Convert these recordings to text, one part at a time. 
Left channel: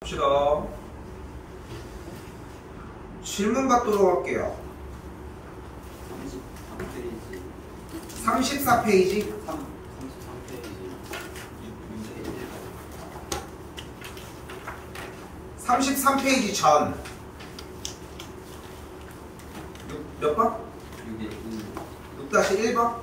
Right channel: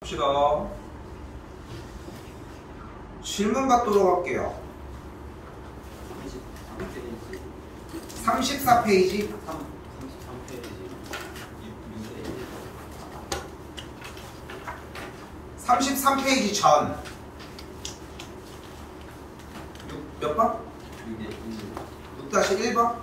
봅시다. 질문 받도록 할게요. 34페이지. 33페이지 전. 몇 번? 6-1번?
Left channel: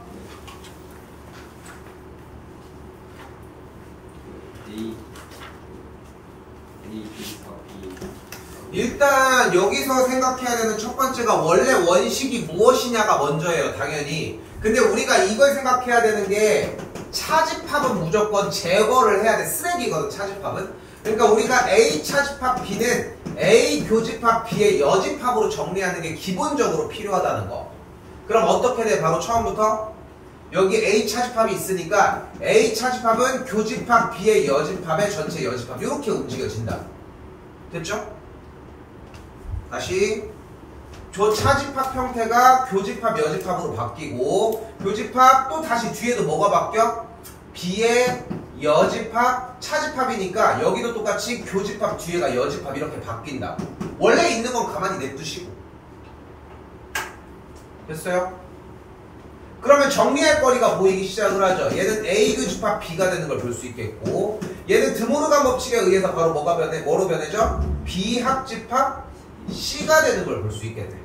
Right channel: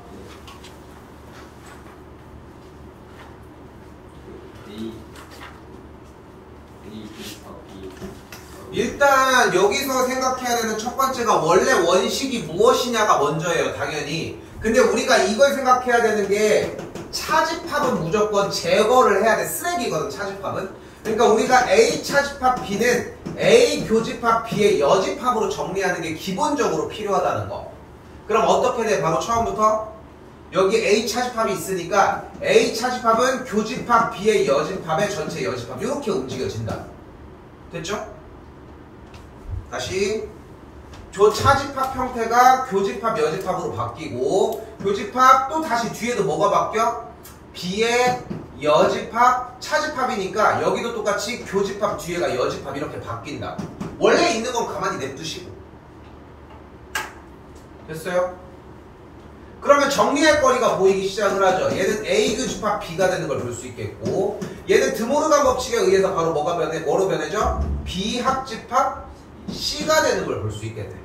일단 여기서 생각해야 되는 첫 번째가 원래 원식이 무엇이냐가 먼저예요. 당연히. 근데 우리가 이걸 생각해야 되는 게 차집합은 무조건 제거를 해야 돼. 쓰레기거든, 차집합은. 그러니까 우리가 A 차집합 B는 A 교집합 B의 여집합으로 정리하는 게 기본적으로 필요하다는 거. 그럼 어떻게 돼? 바로 처음부터 여기 A 차집합이 있으니까 A 차집합은 교집합 B의 여집합의 전체 여집합 이렇게 움직여진다. 됐죠? 다시 저 차집합 형태가 교집합 여집합으로 바뀌고 교집합 또 다시 뒤에도 뭐가 바뀌어? B의 여집합 차집합이니까 여기도 똑같이 교집합 뒤에가 여집합 이렇게 바뀐다. 원래 있는 건 가만히 냅두시고. 됐어요? 그러면 정리할 거리가 보이기 시작을 하죠. 얘는 A 교집합 B가 되는 걸 볼 수 있겠고 얘는 드모르간 법칙에 의해서 바로 뭐로 변해져? B 합집합 C가 되는 걸 볼 수 있겠네.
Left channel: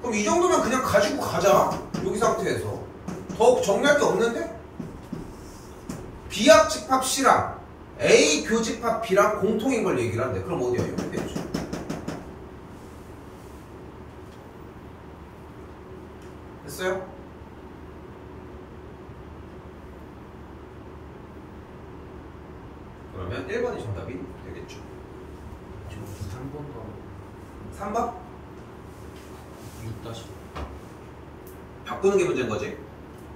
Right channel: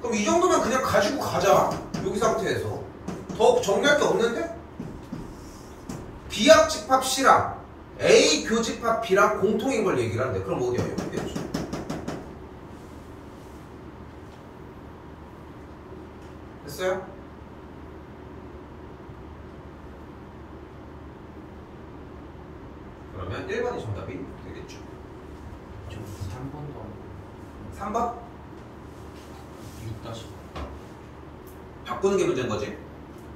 그럼 이 정도면 그냥 가지고 가자. 여기 상태에서. 더 정리할 게 없는데? B합집합 C랑 A 교집합 B랑 공통인 걸 얘기를 하는데 그럼 어디야? 여기 되죠. 됐어요? 그러면 1번이 정답이 되겠죠. 3번도 3번? 6-5 바꾸는 게 문제인 거지.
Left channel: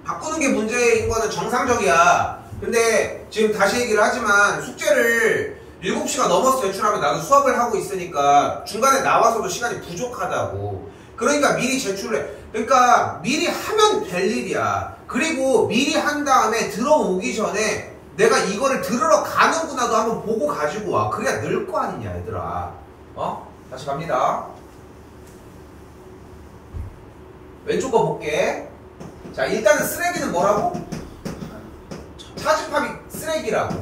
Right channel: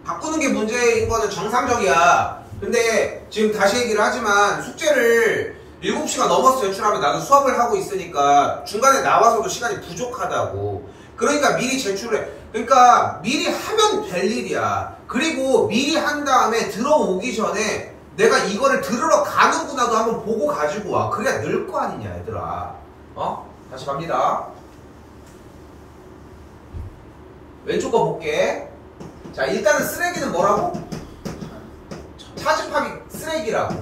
바꾸는 게 문제인 거는 정상적이야. 근데 지금 다시 얘기를 하지만 숙제를 7시가 넘어서 제출하면 나는 수업을 하고 있으니까 중간에 나와서도 시간이 부족하다고. 그러니까 미리 제출을 해. 그러니까 미리 하면 될 일이야. 그리고 미리 한 다음에 들어오기 전에 내가 이거를 들으러 가는구나도 한번 보고 가지고 와. 그래야 늘 거 아니냐 얘들아. 다시 갑니다. 왼쪽 거 볼게. 자, 일단은 쓰레기는 뭐라고? 차집합이 쓰레기라고.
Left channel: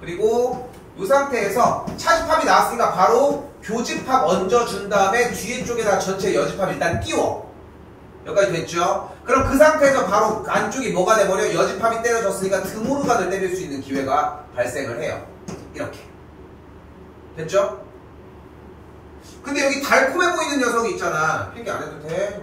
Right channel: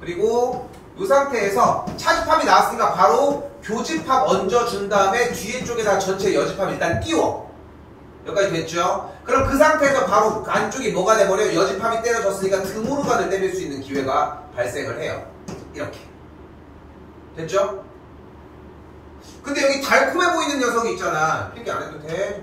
그리고 이 상태에서 차집합이 나왔으니까 바로 교집합 얹어준 다음에 뒤에 쪽에다 전체 여집합 일단 띄워. 여기까지 됐죠? 그럼 그 상태에서 바로 안쪽이 뭐가 돼버려? 여집합이 때려졌으니까 드모르간을 때릴 수 있는 기회가 발생을 해요. 이렇게. 됐죠? 근데 여기 달콤해 보이는 녀석이 있잖아. 필기 안 해도 돼?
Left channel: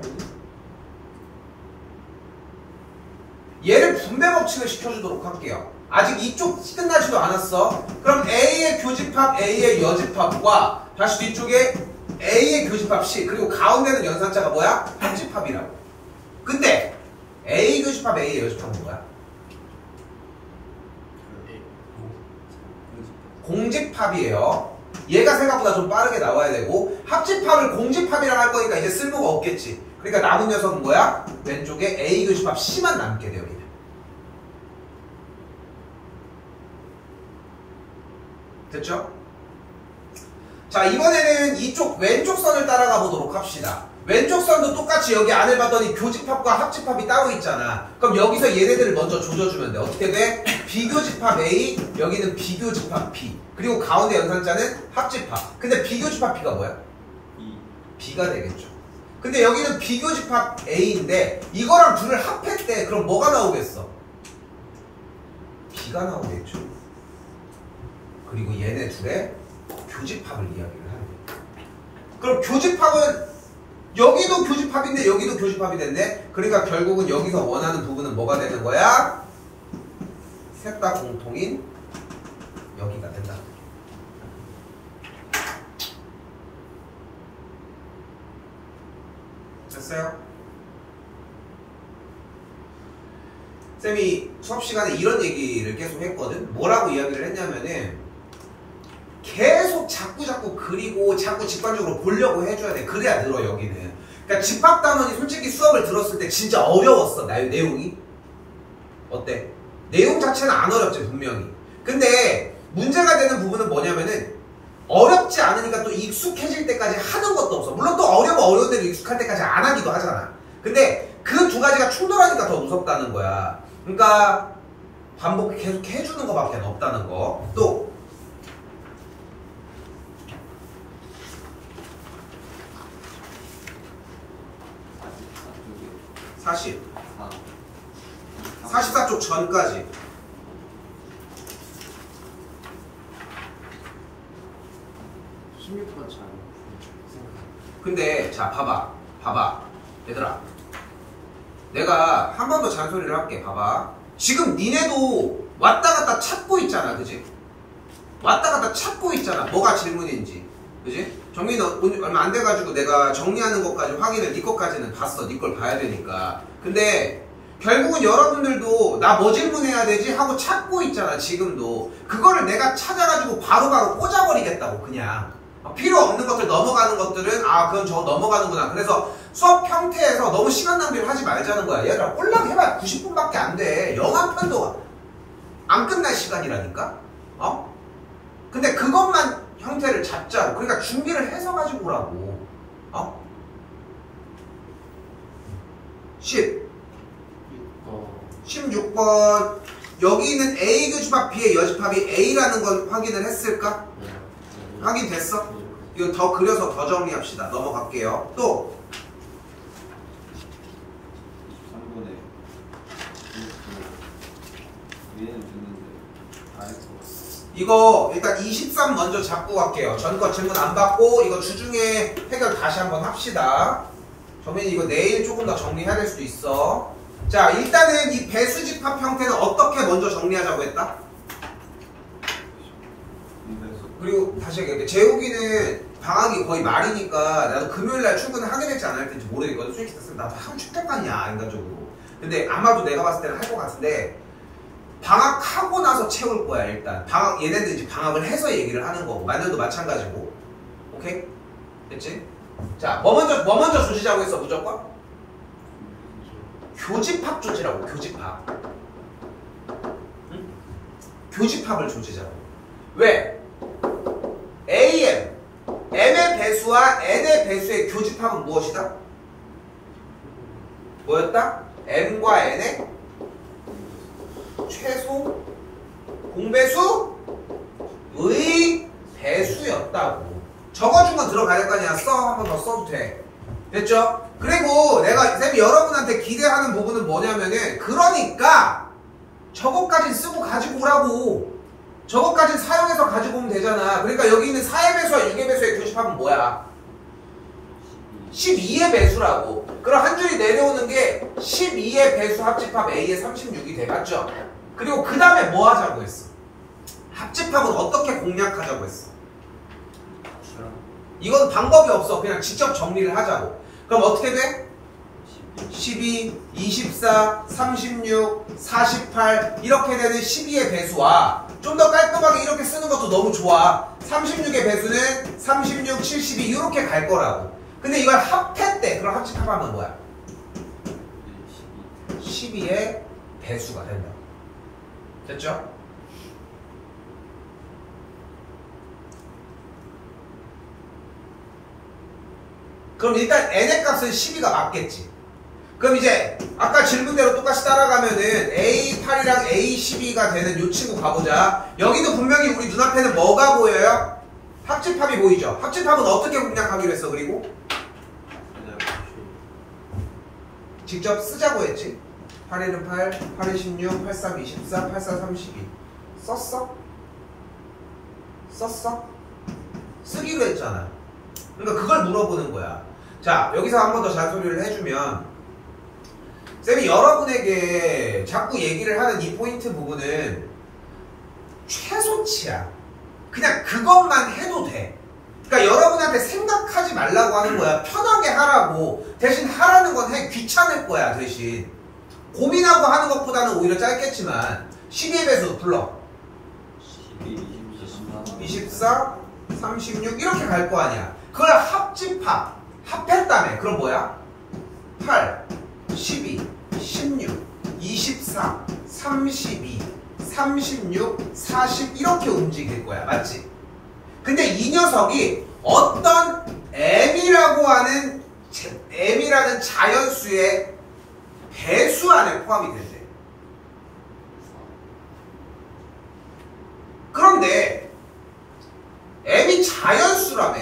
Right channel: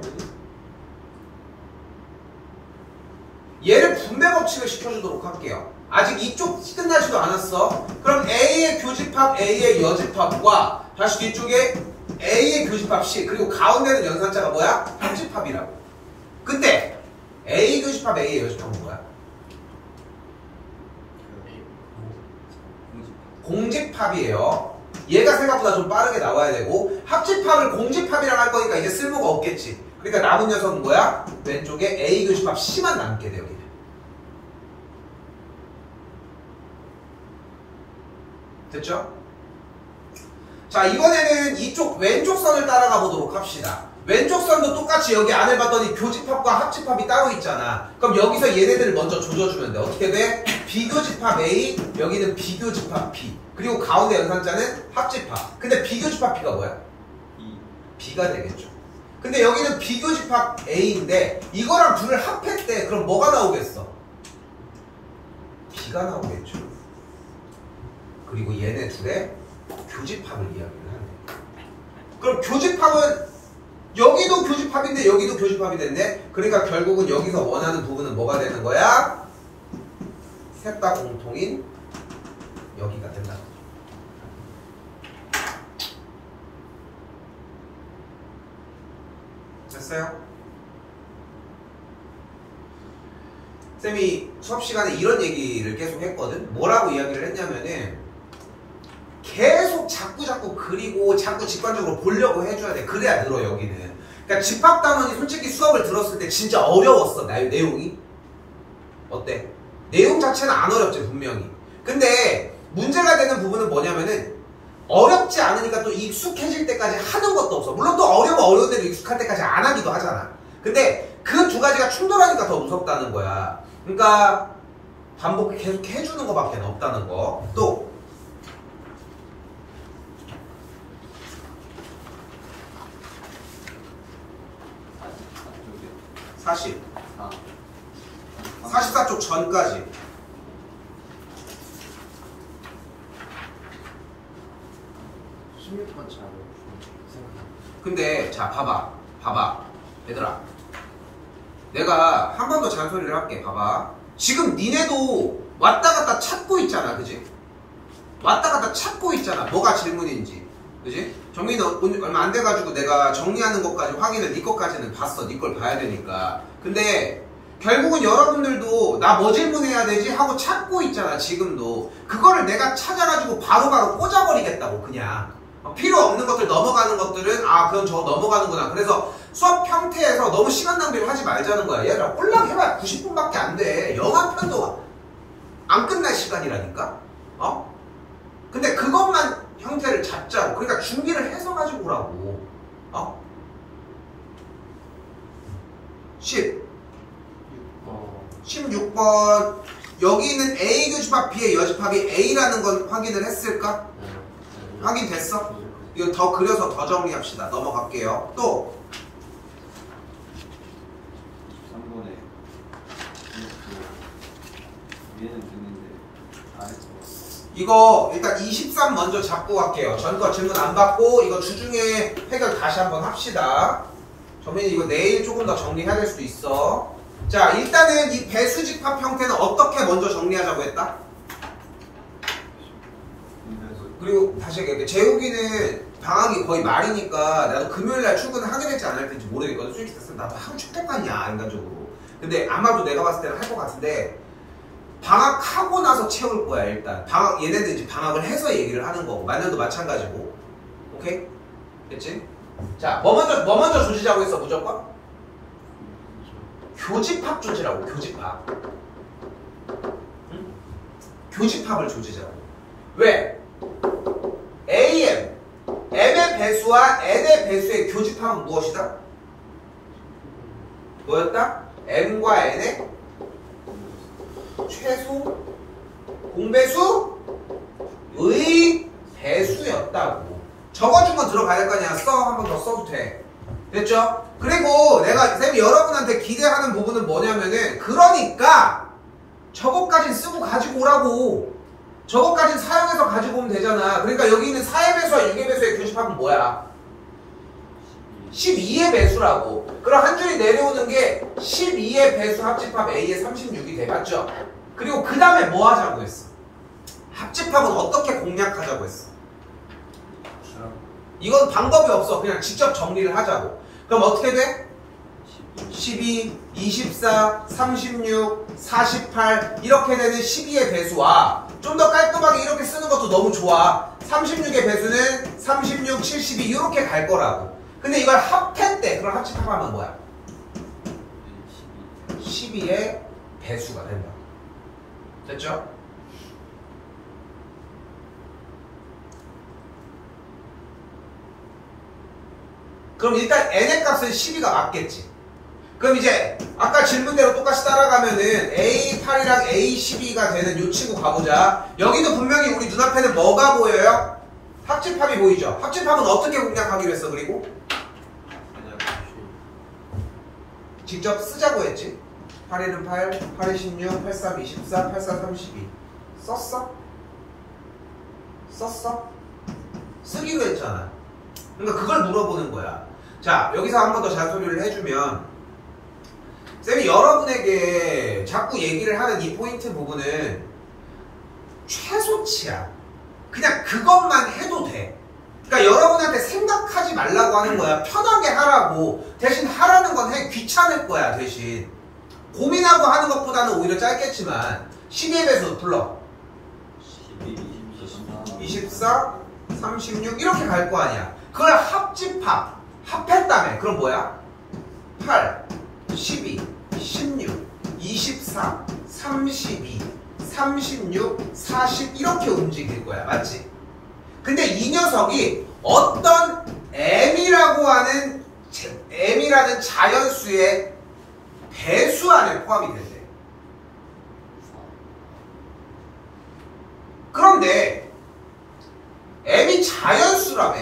얘를 분배 법칙을 시켜주도록 할게요. 아직 이쪽 끝나지도 않았어. 그럼 A의 교집합 A의 여집합과 다시 뒤쪽에 A의 교집합 C 그리고 가운데는 연산자가 뭐야? 합집합이라고. 근데 A 교집합 A의 여집합은 뭐야? 공집합이에요. 얘가 생각보다 좀 빠르게 나와야 되고 합집합을 공집합이랑 할 거니까 이제 쓸모가 없겠지. 그러니까 남은 녀석은 뭐야? 왼쪽에 A 교집합 C만 남게 돼 여기는. 됐죠? 자, 이번에는 이쪽 왼쪽 선을 따라가 보도록 합시다. 왼쪽 선도 똑같이 여기 안을 봤더니 교집합과 합집합이 따로 있잖아. 그럼 여기서 얘네들을 먼저 조져주면 돼. 어떻게 돼? 비교집합 A, 여기는 비교집합 B. 그리고 가운데 연산자는 합집합. 근데 비교집합 B가 뭐야? B가 되겠죠. 근데 여기는 비교집합 A인데 이거랑 둘을 합했대. 그럼 뭐가 나오겠어? B가 나오겠죠. 그리고 얘네 둘의 교집합을 이야기를 하네. 그럼 교집합은 여기도 교집합인데 여기도 교집합이 됐네. 그러니까 결국은 여기서 원하는 부분은 뭐가 되는 거야? 셋 다 공통인 여기가 된다. 됐어요? 쌤이 수업 시간에 이런 얘기를 계속 했거든. 뭐라고 이야기를 했냐면은 계속 자꾸 그리고 자꾸 직관적으로 보려고 해줘야 돼. 그래야 늘어 여기는. 그러니까 집합단원이 솔직히 수업을 들었을 때 진짜 어려웠어. 내용이. 어때? 내용 자체는 안 어렵지 분명히. 근데 문제가 되는 부분은 뭐냐면은 어렵지 않으니까 또 익숙해질 때까지 하는 것도 없어. 물론 또 어려우면 어려운 대로 익숙할 때까지 안 하기도 하잖아. 근데 그 두 가지가 충돌하니까 더 무섭다는 거야. 그러니까 반복 계속 해주는 것밖에 없다는 거. 또 44쪽 전까지. 근데 자 봐봐 얘들아, 내가 한 번 더 잔소리를 할게. 봐봐, 지금 니네도 왔다 갔다 찾고 있잖아, 그지? 왔다 갔다 찾고 있잖아, 뭐가 질문인지, 그지? 정리는 얼마 안 돼가지고 내가 정리하는 것까지 확인을, 니 것까지는 봤어. 니 걸 봐야 되니까. 근데 결국은 여러분들도 나 뭐 질문해야 되지 하고 찾고 있잖아 지금도. 그거를 내가 찾아가지고 바로바로 꽂아버리겠다고. 그냥 필요 없는 것들, 넘어가는 것들은 아 그럼 저거 넘어가는구나. 그래서 수업 형태에서 너무 시간 낭비를 하지 말자는 거야. 얘들아, 꼴랑 해봐야 90분밖에 안 돼. 영화 편도 안 끝날 시간이라니까. 근데 그것만 형태를 잡자고. 그러니까 준비를 해서 가지고 오라고. 16번. 여기 있는 A 교집합 B의 여집합이 A라는 건 확인을 했을까? 확인됐어? 이거 더 그려서 더 정리합시다. 넘어갈게요. 또 3번에 위에는 됐는데 이거 일단 23 먼저 잡고 갈게요. 전거 질문 안 받고 이거 주중에 해결 다시 한번 합시다. 정민이 이거 내일 조금 더 정리해야 될 수도 있어. 자, 일단은 이 배수집합 형태는 어떻게 먼저 정리하자고 했다? 그리고 다시 얘기할게. 재욱이는 방학이 거의 말이니까 나도 금요일날 출근을 하게 될지 안 할 텐지 모르겠거든. 솔직히 땄으면 나도 하고 싶겠다냐 인간적으로. 근데 아마도 내가 봤을 때는 할 것 같은데, 방학하고 나서 채울 거야. 일단 얘네들 이제 방학을 해서 얘기를 하는 거고, 만년도 마찬가지고. 오케이? 됐지? 자, 뭐 먼저 조지자고 했어 무조건? 교집합 조지라고. 교집합. 응? 교집합을 조지자고. 왜? M의 배수와 N의 배수의 교집합은 무엇이다? 뭐였다? M과 N의 최소 공배수의 배수였다고. 적어준 건 들어가야 될 거 아니야. 한 번 더 써도 돼. 됐죠? 그리고 내가 쌤이 여러분한테 기대하는 부분은 뭐냐면은, 그러니까 저것까진 쓰고 가지고 오라고. 저것까진 사용해서 가지고 오면 되잖아. 그러니까 여기 있는 4의 배수와 6의 배수의 교집합은 뭐야? 12의 배수라고. 그럼 한 줄이 내려오는 게 12의 배수 합집합 A의 36이 돼. 맞죠? 그리고 그 다음에 뭐 하자고 했어? 합집합은 어떻게 공략하자고 했어? 이건 방법이 없어. 그냥 직접 정리를 하자고. 그럼 어떻게 돼? 12, 24, 36, 48 이렇게 되는 12의 배수와 좀 더 깔끔하게 이렇게 쓰는 것도 너무 좋아. 36의 배수는 36, 72 이렇게 갈 거라고. 근데 이걸 합했대. 그럼 합집합하면 뭐야? 12의 배수가 된다. 됐죠? 그럼 일단 n의 값은 12가 맞겠지. 그럼 이제 아까 질문대로 똑같이 따라가면은 A8이랑 A12가 되는 요 친구 가보자. 여기는 분명히 우리 눈앞에는 뭐가 보여요? 합집합이 보이죠? 합집합은 어떻게 공략하기로 했어? 그리고 직접 쓰자고 했지. 8, 1은 8, 8, 2, 16, 8, 3, 24, 8, 4, 32 썼어? 썼어? 쓰기로 했잖아. 그러니까 그걸 물어보는 거야. 자, 여기서 한 번 더 잔소리를 해주면, 쌤이 여러분에게 자꾸 얘기를 하는 이 포인트 부분은 최소치야. 그냥 그것만 해도 돼. 그러니까 여러분한테 생각하지 말라고 하는 거야. 편하게 하라고. 대신 하라는 건 해. 귀찮을 거야. 대신 고민하고 하는 것보다는 오히려 짧겠지만 12의 배수 불러. 12, 24, 24, 36 이렇게 갈 거 아니야. 그걸 합했다며. 그럼 뭐야? 8, 12, 16, 24, 32, 36, 40 이렇게 움직일 거야. 맞지? 근데 이 녀석이 어떤 m이라고 하는 m이라는 자연수의 배수 안에 포함이 된대. 그런데 m이 자연수라며.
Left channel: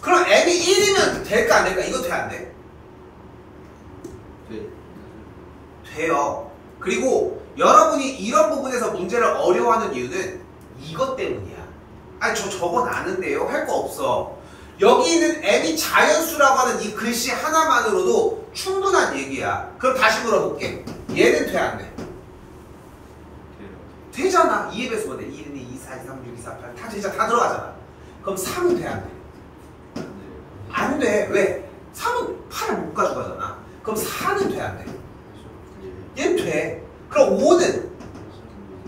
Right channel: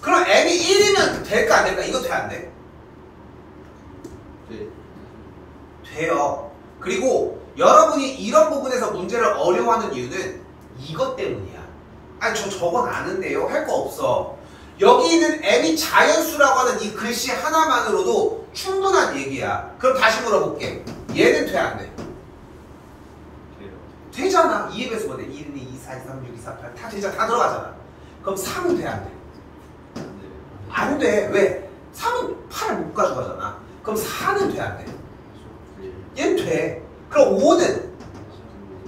그럼 m이 1이면 될까 안 될까? 이거 돼 안 돼? 네. 돼요. 그리고 여러분이 이런 부분에서 문제를 어려워하는 이유는 이것 때문이야. 아니 저건 아는데요? 할 거 없어. 여기 있는 m이 자연수라고 하는 이 글씨 하나만으로도 충분한 얘기야. 그럼 다시 물어볼게. 얘는 돼 안 돼? 돼요. 되잖아. 2의 배수가 돼. 1, 2, 2, 4, 2, 3, 6, 2, 4, 8 다 진짜 다 들어가잖아. 그럼 3은 돼 안 돼? 안 돼요. 안 돼. 왜? 3은 8을 못 가져가잖아. 그럼 4는 돼 안 돼? 얘는 돼. 그럼 5는?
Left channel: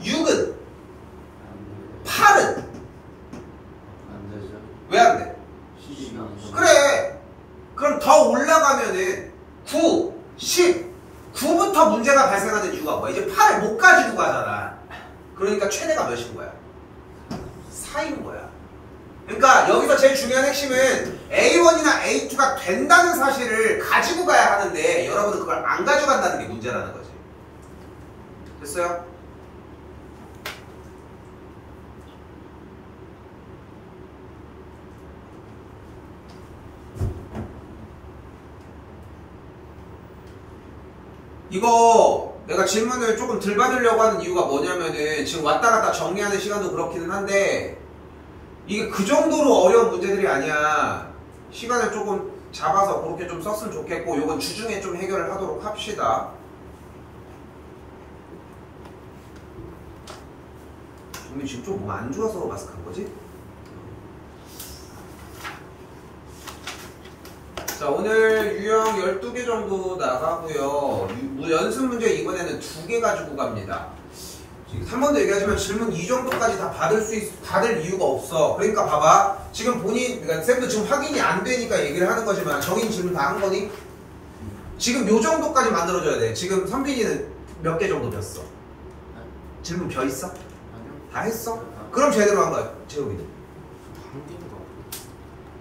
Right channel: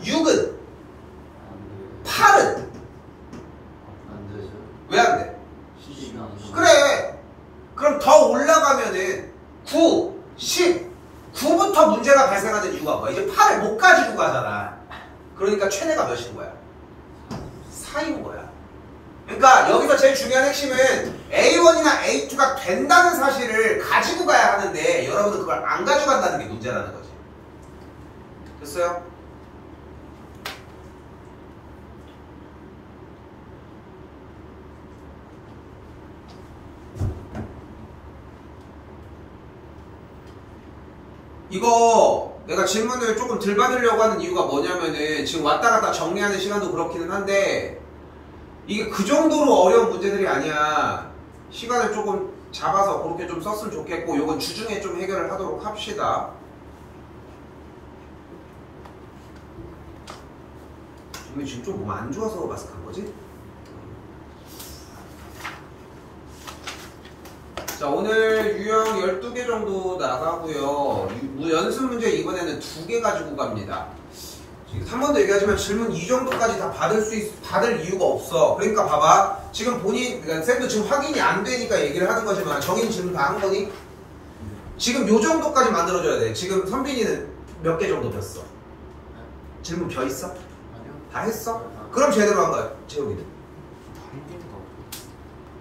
6은? 8은? 안 되죠. 왜 안 돼? 시기가 안 돼요. 그래. 그럼 더 올라가면은 9, 10, 9부터 문제가 발생하는 이유가 뭐야? 이제 8을 못 가지고 가잖아. 그러니까 최대가 몇인 거야? 4인 거야. 그러니까 여기서 제일 중요한 핵심은 A1이나 A2가 된다는 사실을 가지고 가야 하는데 여러분은 그걸 안 가져간다는 게 문제라는 거지. 됐어요? 이거 내가 질문을 조금 덜 받으려고 하는 이유가 뭐냐면은 지금 왔다 갔다 정리하는 시간도 그렇기는 한데 이게 그 정도로 어려운 문제들이 아니야. 시간을 조금 잡아서 그렇게 좀 썼으면 좋겠고 요건 주중에 좀 해결을 하도록 합시다. 정민 지금 좀 몸 안 좋아서 마스크 한 거지? 자, 오늘 유형 12개 정도 나가고요. 연습 문제 이번에는 2개 가지고 갑니다. 한 번 더 얘기하지만 질문 이 정도까지 다 받을 이유가 없어. 그러니까 봐봐. 지금 그러니까 쌤도 지금 확인이 안 되니까 얘기를 하는 거지만 정인 질문 다 한 거니? 지금 요 정도까지 만들어줘야 돼. 지금 선빈이는 몇 개 정도 폈어? 질문 펴 있어? 아니요. 다 했어? 그럼 제대로 한 거야. 재욱이는. 한 개인 거.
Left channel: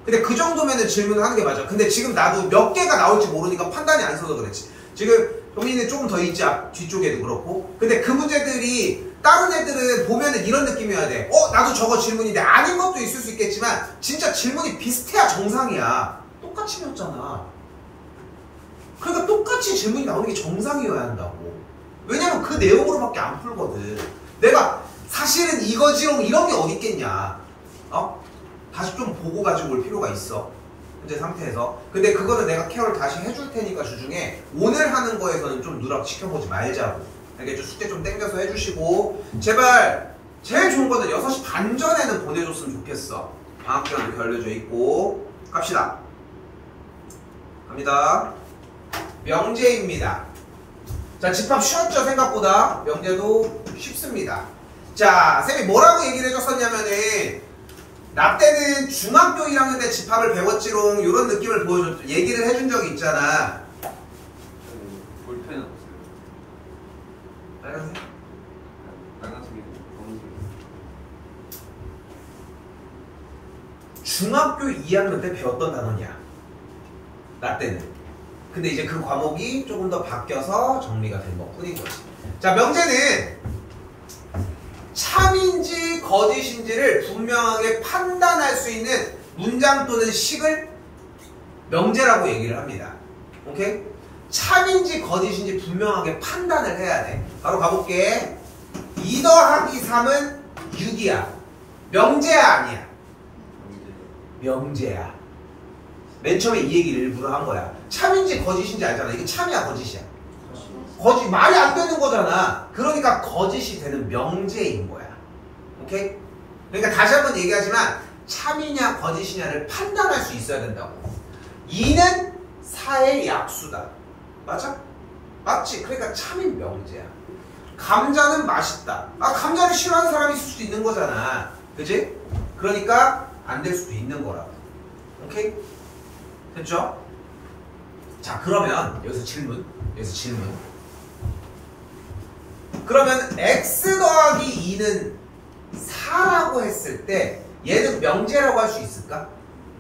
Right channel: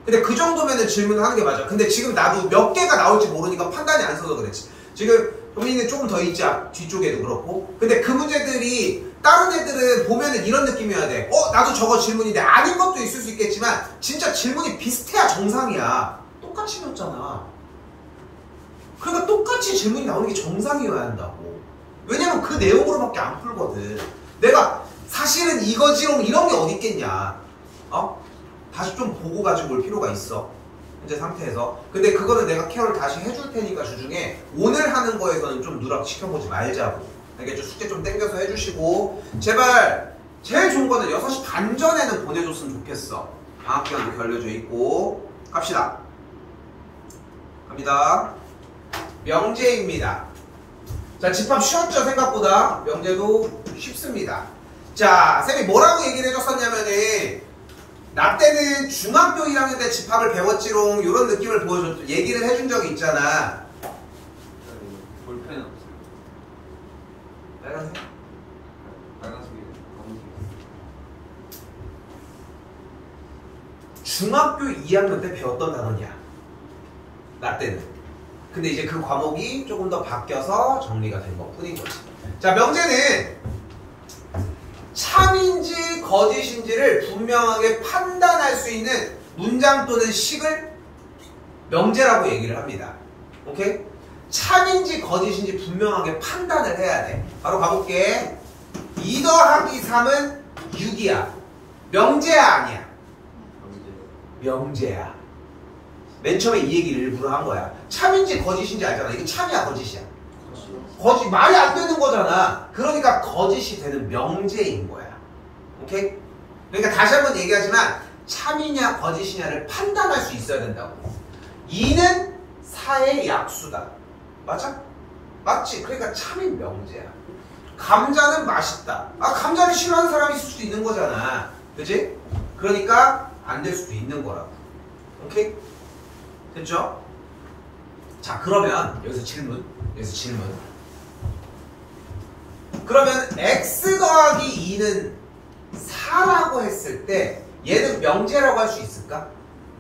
근데 그 정도면은 질문을 하는 게 맞아. 근데 지금 나도 몇 개가 나올지 모르니까 판단이 안 서서 그랬지. 지금 동민이는 조금 더 있지, 뒤쪽에도 그렇고. 근데 그 문제들이 다른 애들은 보면은 이런 느낌이어야 돼. 나도 저거 질문인데 아닌 것도 있을 수 있겠지만 진짜 질문이 비슷해야 정상이야. 똑같이 였잖아. 그러니까 똑같이 질문이 나오는 게 정상이어야 한다고. 왜냐면 그 내용으로밖에 안 풀거든. 내가 사실은 이거지롱 이런 게 어디 있겠냐. 다시 좀 보고 가지고 올 필요가 있어. 현재 상태에서. 근데 그거는 내가 케어를 다시 해줄 테니까 주중에 오늘 하는 거에서는 좀 누락시켜보지 말자고. 알겠죠? 숙제 좀 땡겨서 해주시고 제발 제일 좋은 거는 6시 반 전에는 보내줬으면 좋겠어. 방학기간도 결려져 있고. 갑시다. 갑니다. 명제입니다. 자, 집합 쉬웠죠? 생각보다. 명제도 쉽습니다. 자, 쌤이 뭐라고 얘기를 해줬었냐면은 나 때는 중학교 1학년 때 집합을 배웠지롱 이런 느낌을 얘기를 해준 적이 있잖아. 볼펜 없어요. 빨간색? 빨간색이 검은색. 중학교 2학년 때 배웠던 단어냐? 나 때는. 근데 이제 그 과목이 조금 더 바뀌어서 정리가 된 것 뿐인 거지. 자, 명제는 참인지 거짓인지를 분명하게 판단할 수 있는 문장 또는 식을 명제라고 얘기를 합니다. 오케이? 참인지 거짓인지 분명하게 판단을 해야 돼. 바로 가볼게. 2 더하기 3은 6이야. 명제야 아니야? 명제야. 맨 처음에 이 얘기를 일부러 한 거야. 참인지 거짓인지 알잖아. 이게 참이야 거짓이야? 거짓, 말이 안 되는 거잖아. 그러니까 거짓이 되는 명제인 거야. 오케이? 그러니까 다시 한번 얘기하지만 참이냐 거짓이냐를 판단할 수 있어야 된다고. 2는 4의 약수다. 맞아? 맞지? 그러니까 참인 명제야. 감자는 맛있다. 아, 감자를 싫어하는 사람이 있을 수도 있는 거잖아. 그치? 그러니까 안 될 수도 있는 거라고. 오케이? 됐죠? 자, 그러면 여기서 질문. 그러면 x 더하기 2는 4라고 했을 때 얘는 명제라고 할 수 있을까?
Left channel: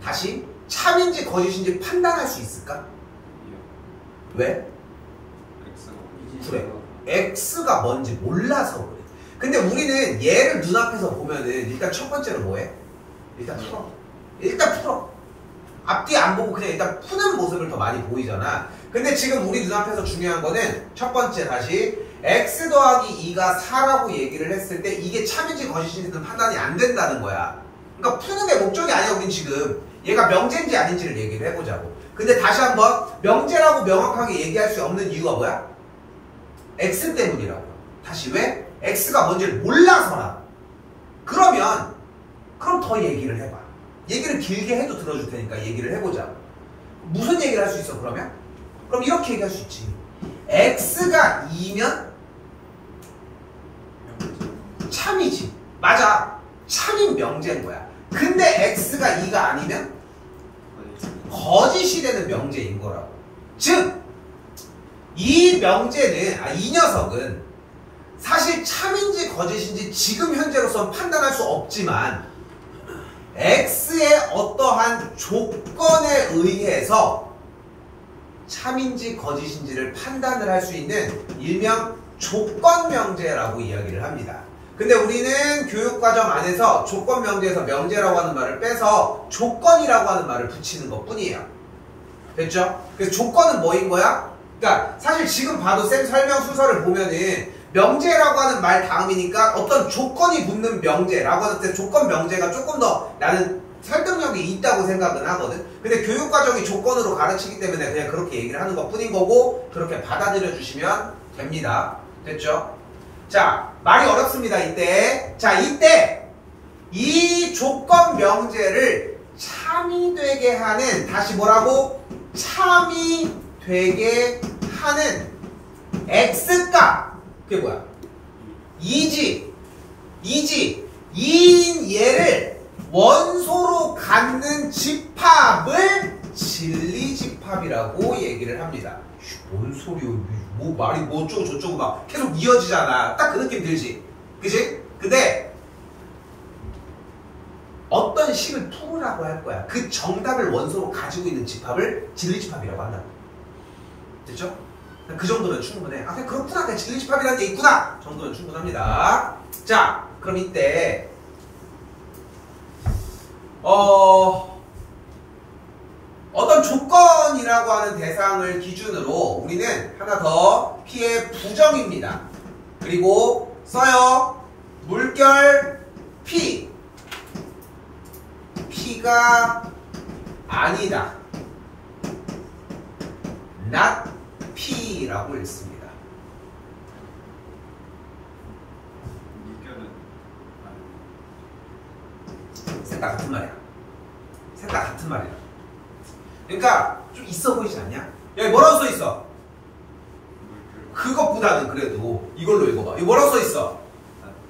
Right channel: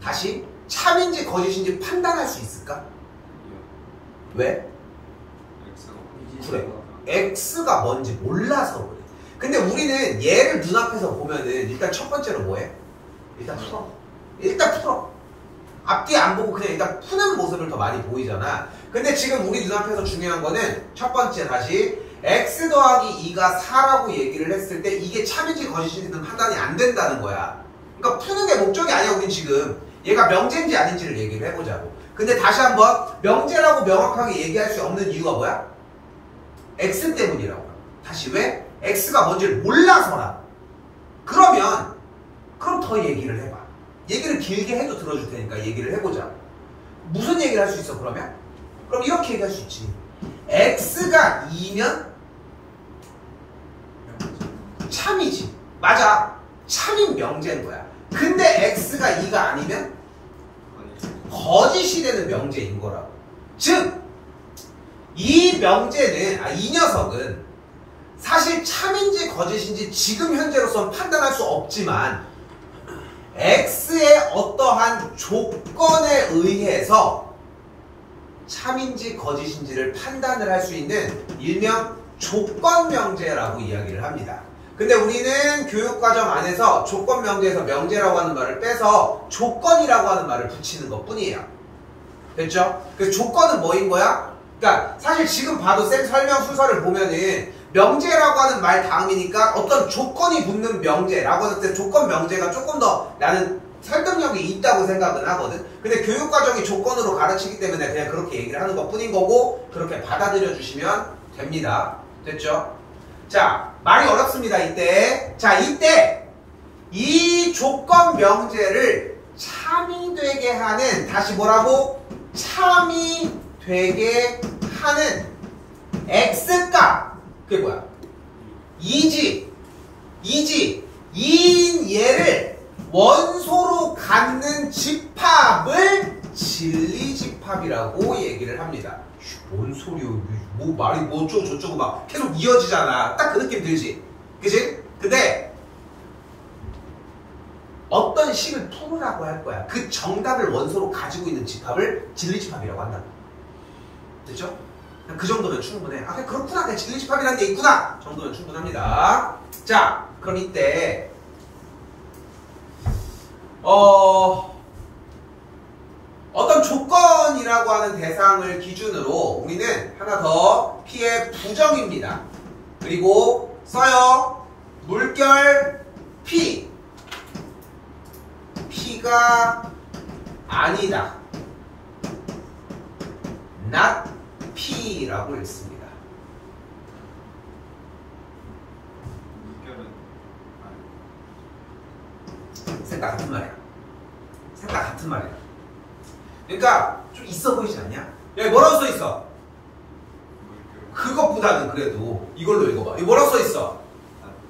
다시 참인지 거짓인지 판단할 수 있을까? 왜? 그래. x가 뭔지 몰라서 그래. 근데 우리는 얘를 눈앞에서 보면은 일단 첫 번째로 뭐해? 일단 풀어. 앞뒤 안 보고 그냥 일단 푸는 모습을 더 많이 보이잖아. 근데 지금 우리 눈앞에서 중요한 거는 첫 번째 다시 x 더하기 2가 4라고 얘기를 했을 때 이게 참인지 거짓인지는 판단이 안 된다는 거야. 그러니까 푸는 게 목적이 아니야. 우린 지금 얘가 명제인지 아닌지를 얘기를 해보자고. 근데 다시 한번 명제라고 명확하게 얘기할 수 없는 이유가 뭐야? x 때문이라고. 다시 왜? x가 뭔지를 몰라서라. 그럼 더 얘기를 해봐. 얘기를 길게 해도 들어줄 테니까 얘기를 해보자. 무슨 얘기를 할 수 있어 그러면? 그럼 이렇게 얘기할 수 있지. x가 2면 참이지. 맞아. 참인 명제인 거야. 근데 x가 2가 아니면 거짓이 되는 명제인 거라고. 즉, 이 명제는, 이 녀석은 사실 참인지 거짓인지 지금 현재로서는 판단할 수 없지만 x의 어떠한 조건에 의해서 참인지 거짓인지를 판단을 할 수 있는 일명 조건명제라고 이야기를 합니다. 근데 우리는 교육과정 안에서 조건명제에서 명제라고 하는 말을 빼서 조건이라고 하는 말을 붙이는 것 뿐이에요. 됐죠? 그래서 조건은 뭐인 거야? 그러니까 사실 지금 봐도 쌤 설명 순서를 보면은 명제라고 하는 말 다음이니까 어떤 조건이 붙는 명제라고 하는 때 조건 명제가 조금 더 나는 설득력이 있다고 생각은 하거든. 근데 교육과정이 조건으로 가르치기 때문에 그냥 그렇게 얘기를 하는 것 뿐인 거고 그렇게 받아들여 주시면 됩니다. 됐죠? 자, 말이 어렵습니다. 이때. 자, 이때 이 조건 명제를 참이 되게 하는, 다시 뭐라고? 참이 되게 하는 x값. 그게 뭐야? 2인 얘를 원소로 갖는 집합을 진리집합이라고 얘기를 합니다. 뭔 소리요? 뭐 말이 뭐 어쩌고 저쩌고 막 계속 이어지잖아. 딱 그 느낌 들지? 그치? 근데 어떤 식을 풀으라고 할 거야. 그 정답을 원소로 가지고 있는 집합을 진리집합이라고 한다고. 됐죠? 그 정도면 충분해. 아, 그래, 그렇구나. 그래, 진리집합이라는 게 있구나. 정도면 충분합니다. 자, 그럼 이때 어떤 조건이라고 하는 대상을 기준으로 우리는 하나 더 P의 부정입니다. 그리고 써요. 물결 P. P가 아니다. not P라고 읽습니다. 셋 다 같은 말이야. 셋 다 같은 말이야. 그러니까 좀 있어 보이지 않냐? 야, 뭐라고 써 있어? 그것보다는 그래도 이걸로 읽어봐. 이거 뭐라고 써 있어?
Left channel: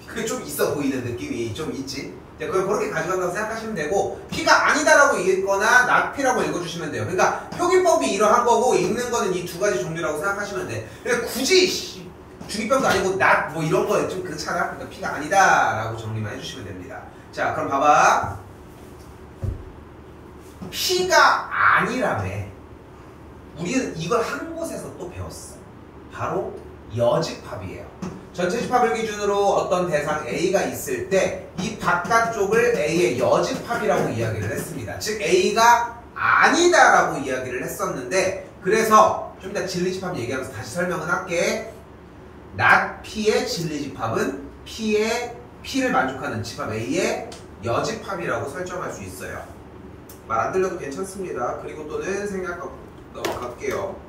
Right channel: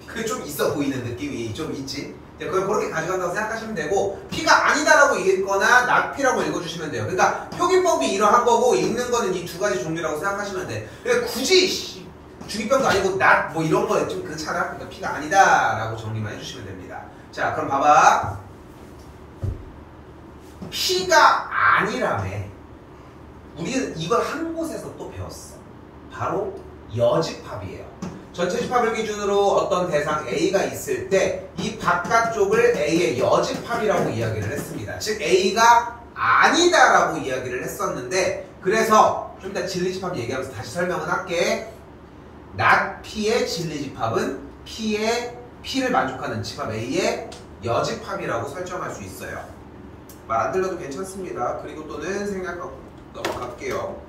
그게 좀 있어 보이는 느낌이 좀 있지? 그걸 그렇게 가져간다고 생각하시면 되고, P가 아니다라고 읽거나 not P라고 읽어주시면 돼요. 그러니까 표기법이 이러한 거고 읽는 거는 이 두 가지 종류라고 생각하시면 돼. 그러니까 굳이 중이병도 아니고 not 뭐 이런 거 좀 그렇잖아. 그러니까 P가 아니다라고 정리만 해주시면 됩니다. 자, 그럼 봐봐. P가 아니라며. 우리는 이걸 한 곳에서 또 배웠어. 바로 여집합이에요. 전체 집합을 기준으로 어떤 대상 A가 있을 때 이 바깥쪽을 A의 여집합이라고 이야기를 했습니다. 즉 A가 아니다라고 이야기를 했었는데, 그래서 좀 이따 진리집합 얘기하면서 다시 설명을 할게. not P의 진리집합은 P를 만족하는 집합 A의 여집합이라고 설정할 수 있어요. 말 안 들려도 괜찮습니다. 그리고 또는 생략하고 넘어갈게요.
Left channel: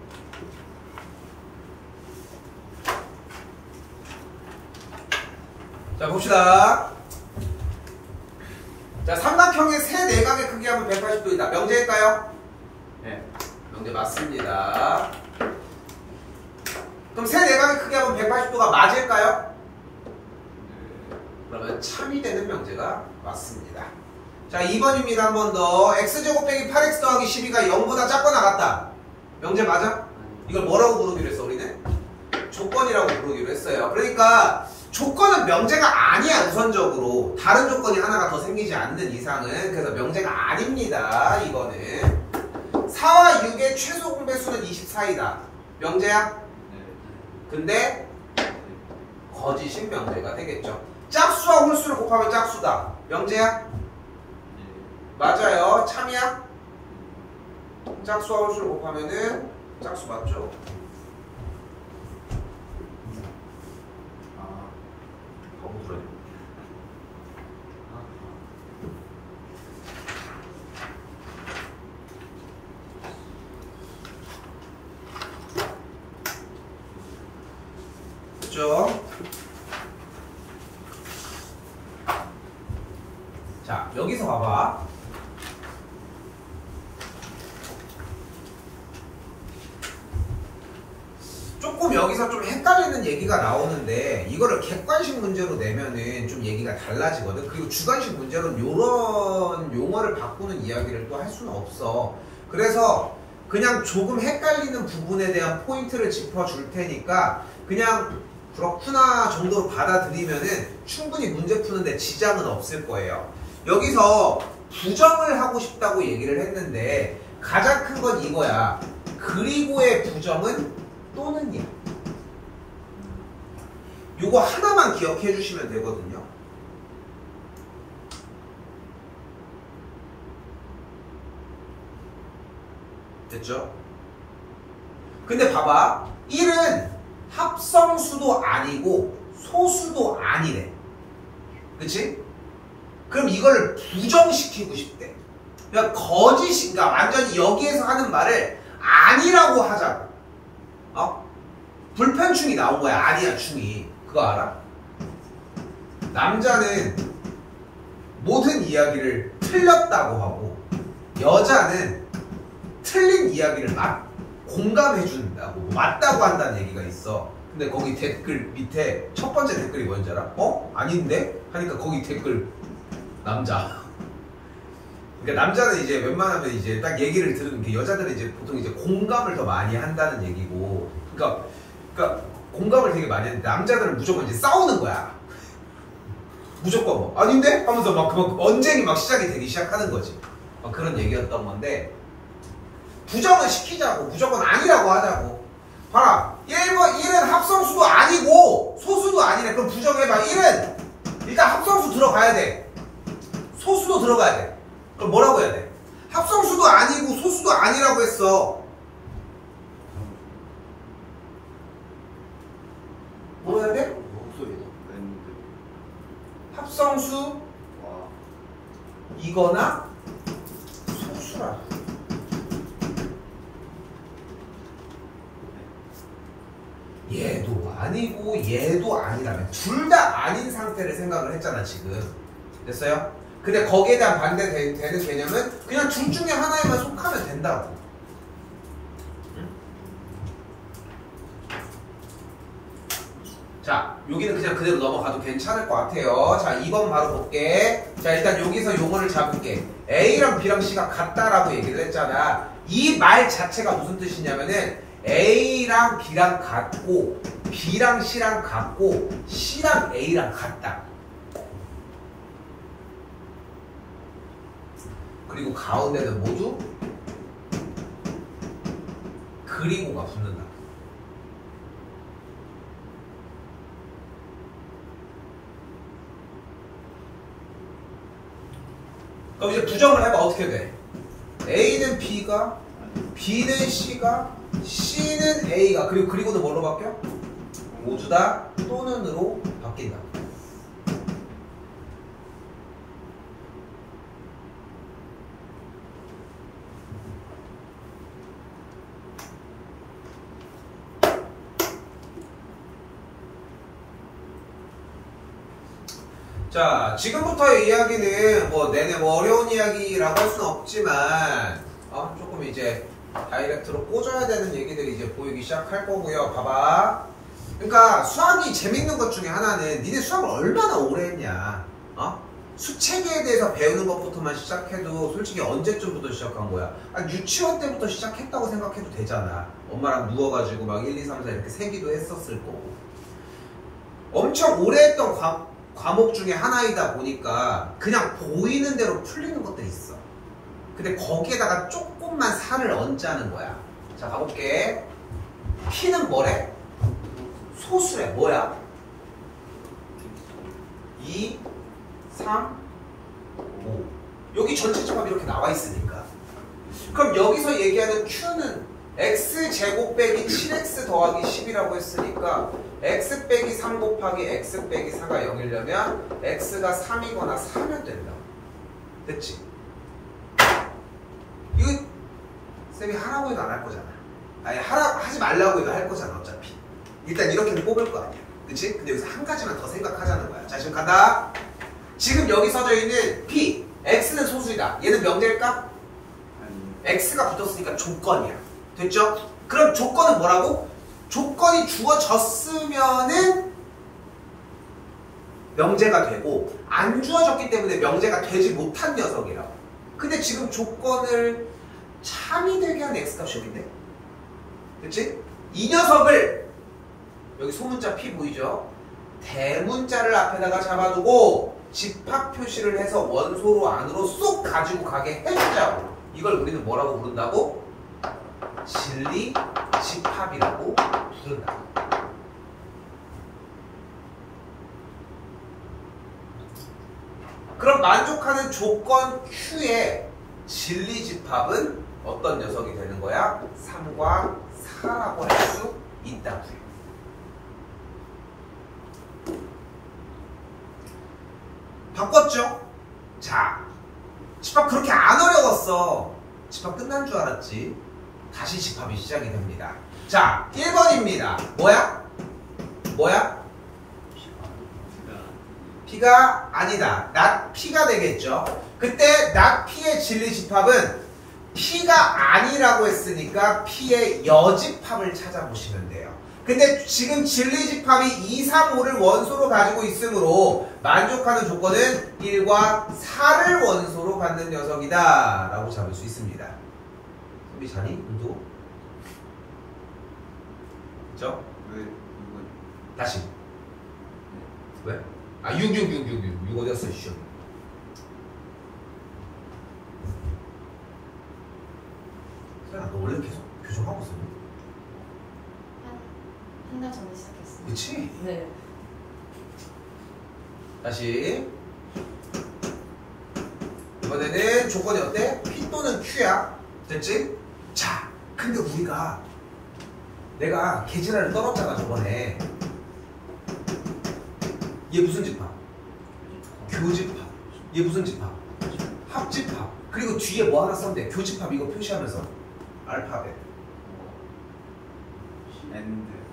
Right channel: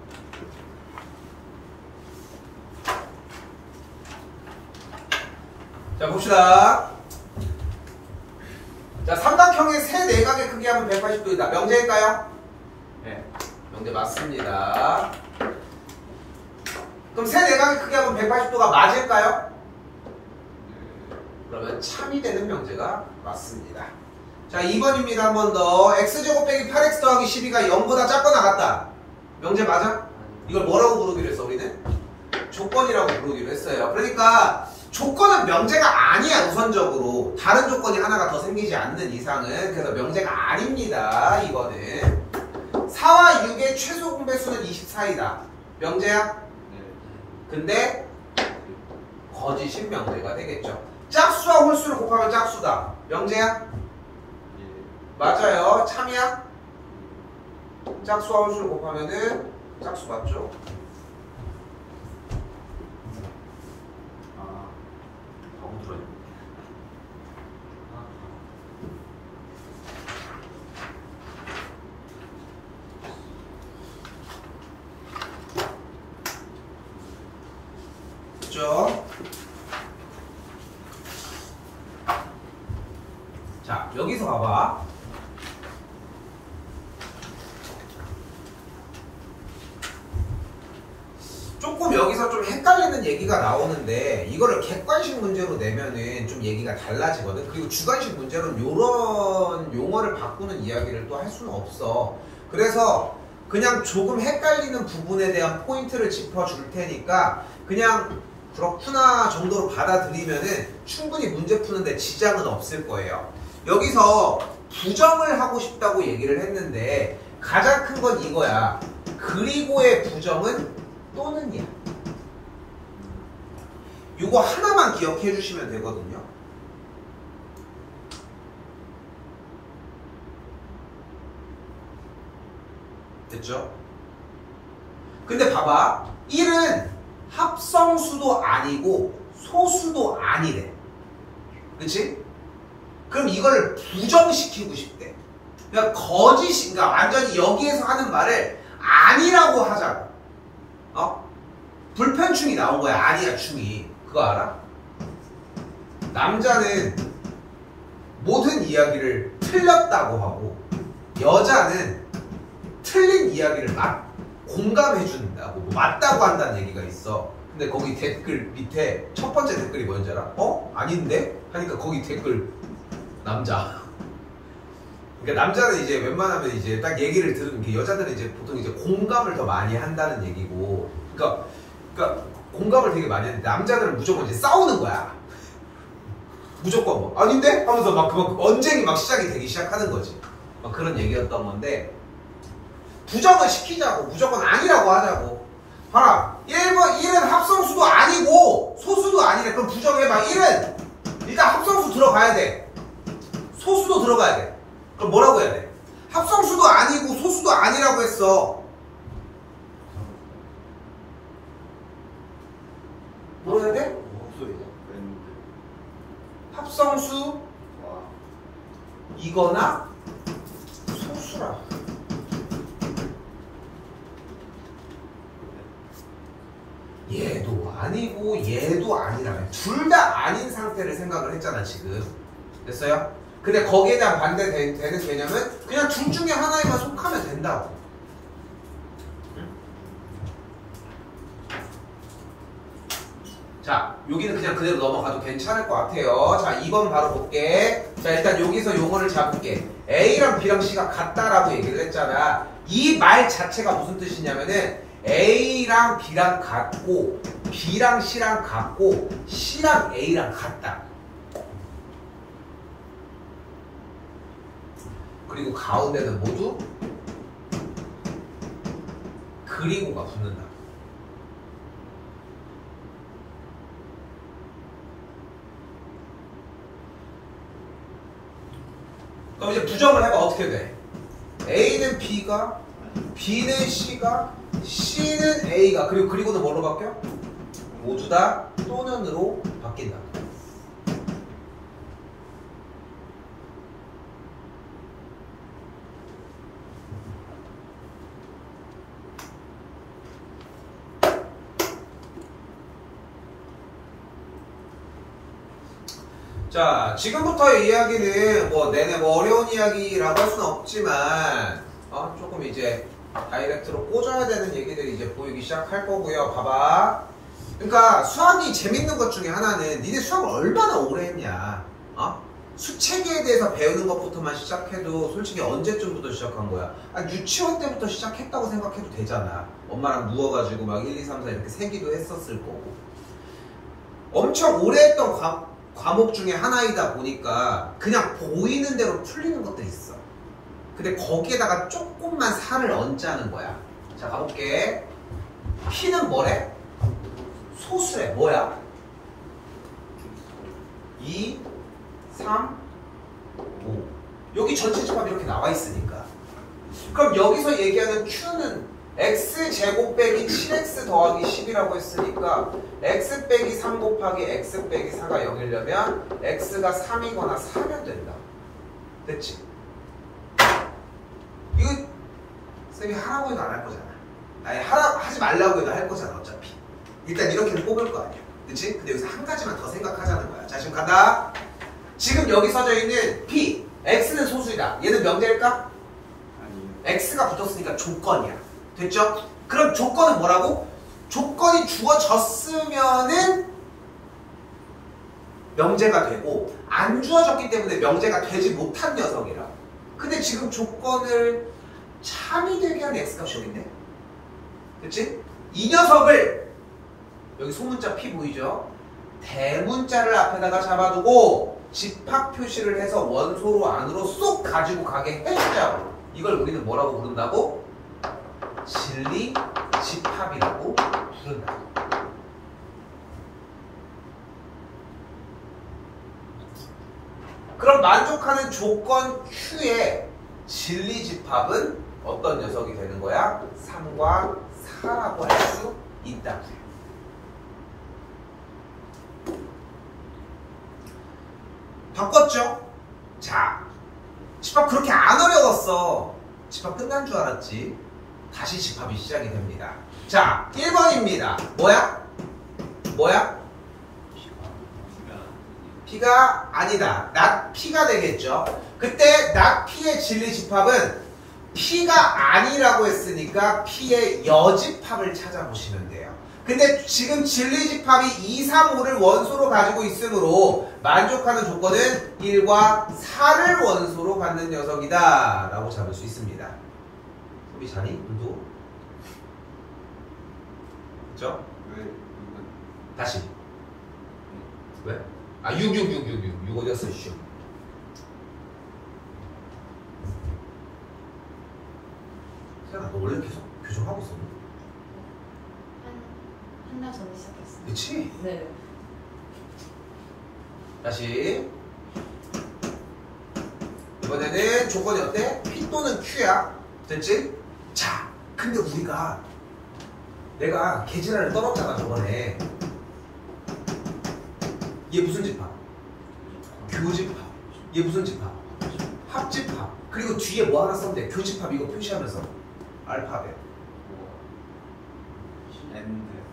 자, 봅시다. 자, 삼각형의 세 내각의 크기 하면 180도이다. 명제일까요? 네. 명제 맞습니다. 그럼 세 내각이 크게 하면 180도가 맞을까요? 그러면 참이 되는 명제가 맞습니다. 자, 2번입니다. 한 번 더. x제곱 빼기 8x 더하기 12가 0보다 작거나 같다. 명제 맞아? 이걸 뭐라고 부르기로 했어, 우리는? 조건이라고 부르기로 했어요. 그러니까 조건은 명제가 아니야, 우선적으로. 다른 조건이 하나가 더 생기지 않는 이상은. 그래서 명제가 아닙니다, 이거는. 4와 6의 최소 공배수는 24이다. 명제야? 네. 근데 거짓인 명제가 되겠죠. 짝수와 홀수를 곱하면 짝수다. 명제야? 네. 맞아요. 참이야? 짝수와 홀수를 곱하면은 짝수 맞죠? 아. 엉들어요. 그죠? 자, 여기서 봐봐. 조금 여기서 좀 헷갈리는 얘기가 나오는데 이거를 객관식 문제로 내면은 좀 얘기가 달라지거든. 그리고 주관식 문제로는 이런 용어를 바꾸는 이야기를 또 할 수는 없어. 그래서 그냥 조금 헷갈리는 부분에 대한 포인트를 짚어줄 테니까 그냥 그렇구나 정도로 받아들이면은 충분히 문제 푸는데 지장은 없을 거예요. 여기서 부정을 하고 싶다고 얘기를 했는데 가장 큰 건 이거야. 그리고의 부정은 또는이야. 요거 하나만 기억해 주시면 되거든요. 됐죠? 근데 봐봐. 1은 합성수도 아니고 소수도 아니래. 그치? 그럼 이거를 부정시키고 싶대. 그러니까 거짓인가 완전히 여기에서 하는 말을 아니라고 하자고. 불편충이 나온 거야. 아니야 충이. 그거 알아? 남자는 모든 이야기를 틀렸다고 하고 여자는 틀린 이야기를 공감해 준다고 맞다고 한다는 얘기가 있어. 근데 거기 댓글 밑에 첫 번째 댓글이 뭐였는지 알아? 아닌데? 하니까 거기 댓글 남자. 그러니까 남자는 이제 웬만하면 이제 딱 얘기를 들은 게 여자들은 이제 보통 이제 공감을 더 많이 한다는 얘기고. 그러니까 공감을 되게 많이 하는데 남자들은 무조건 이제 싸우는 거야. 무조건 뭐 아닌데? 하면서 막 그만 언쟁이 막 시작이 되기 시작하는 거지. 그런 얘기였던 건데 부정을 시키자고. 무조건 아니라고 하자고. 봐라. 1은 합성수도 아니고 소수도 아니래. 그럼 부정해봐. 1은 일단 합성수 들어가야 돼. 소수도 들어가야 돼. 그럼 뭐라고 해야 돼? 합성수도 아니고 소수도 아니라고 했어. 뭐라 해야 돼? 목소리가 웬데? 합성수 와. 이거나 소수라. 얘도 아니고 얘도 아니라면 둘 다 아닌 상태를 생각을 했잖아 지금. 됐어요? 근데 거기에 대한 반대되는 개념은 그냥 둘 중에 하나에만 속하면 된다고. 자, 여기는 그냥 그대로 넘어가도 괜찮을 것 같아요. 자, 2번 바로 볼게. 자, 일단 여기서 용어를 잡을게. A랑 B랑 C가 같다라고 얘기를 했잖아. 이 말 자체가 무슨 뜻이냐면은 A랑 B랑 같고 B랑 C랑 같고 C랑 A랑 같다. 그리고 가운데는 모두 그리고가 붙는다. 그럼 이제 부정을 해봐. 어떻게 돼? A는 B가, B는 C가, C는 A가, 그리고는 뭘로 바뀌어? 모두 다 또는으로 바뀐다. 자, 지금부터의 이야기는 뭐 내내 어려운 이야기라고 할 수는 없지만 조금 이제 다이렉트로 꽂아야 되는 얘기들이 이제 보이기 시작할 거고요. 봐봐. 그러니까 수학이 재밌는 것 중에 하나는 니네 수학을 얼마나 오래 했냐. 수체계에 대해서 배우는 것부터만 시작해도 솔직히 언제쯤부터 시작한 거야? 유치원 때부터 시작했다고 생각해도 되잖아. 엄마랑 누워가지고 막 1, 2, 3, 4 이렇게 세기도 했었을 거고. 엄청 오래 했던 과목 중에 하나이다 보니까 그냥 보이는 대로 풀리는 것들이 있어. 근데 거기에다가 조금만 살을 얹자는 거야. 자, 가볼게. P는 뭐래? 소수래. 뭐야? 2, 3, 5. 여기 전체 집합이 이렇게 나와 있으니까. 그럼 여기서 얘기하는 Q는 X제곱 빼기 7X 더하기 10이라고 했으니까 X 빼기 3 곱하기 X 빼기 4가 0이려면 X가 3이거나 4면 된다. 됐지? 이거 쌤이 하라고 해도 안 할 거잖아. 아니 하지 말라고 해도 할 거잖아 어차피. 일단 이렇게는 뽑을 거 아니야. 그치? 근데 여기서 한 가지만 더 생각하자는 거야. 자, 지금 간다. 지금 여기 써져 있는 P, X는 소수이다. 얘는 명제일까? 아니. X가 붙었으니까 조건이야. 됐죠? 그럼 조건은 뭐라고? 조건이 주어졌으면은 명제가 되고 안 주어졌기 때문에 명제가 되지 못한 녀석이라고. 근데 지금 조건을 참이 되게 한 X값이 여기 있네. 그치? 이 녀석을 여기 소문자 P 보이죠? 대문자를 앞에다가 잡아두고 집합 표시를 해서 원소로 안으로 쏙 가지고 가게 해주자고. 이걸 우리는 뭐라고 부른다고? 진리 집합이라고 부른다. 그럼 만족하는 조건 Q의 진리 집합은 어떤 녀석이 되는 거야? 3과 4라고 할 수 있다고요. 바꿨죠? 자, 집합 그렇게 안 어려웠어. 집합 끝난 줄 알았지? 다시 집합이 시작이 됩니다. 자, 1번입니다. 뭐야? 뭐야? P가 아니다. not P가 되겠죠. 그때 not P의 진리 집합은 P가 아니라고 했으니까 P의 여집합을 찾아보시면 돼요. 근데 지금 진리 집합이 2, 3, 5를 원소로 가지고 있으므로 만족하는 조건은 1과 4를 원소로 갖는 녀석이다 라고 잡을 수 있습니다. 소비 자니? 눈도? 그쵸? 왜 이건 다시. 왜? 6 어디였어? 슈. 세연아, 너 원래 계속 교정하고 있었니? 한 달 전에 시작했어요. 그치? 네. 다시. 이번에는 조건이 어때? P 또는 Q야. 됐지? 자, 근데 우리가 내가 개지랄을 떨었잖아 저번에. 얘 무슨 집합? 교집합. 얘 무슨 집합? 합집합. 그리고 뒤에 뭐 하나 썼는데 교집합 이거 표시하면서 알파벳.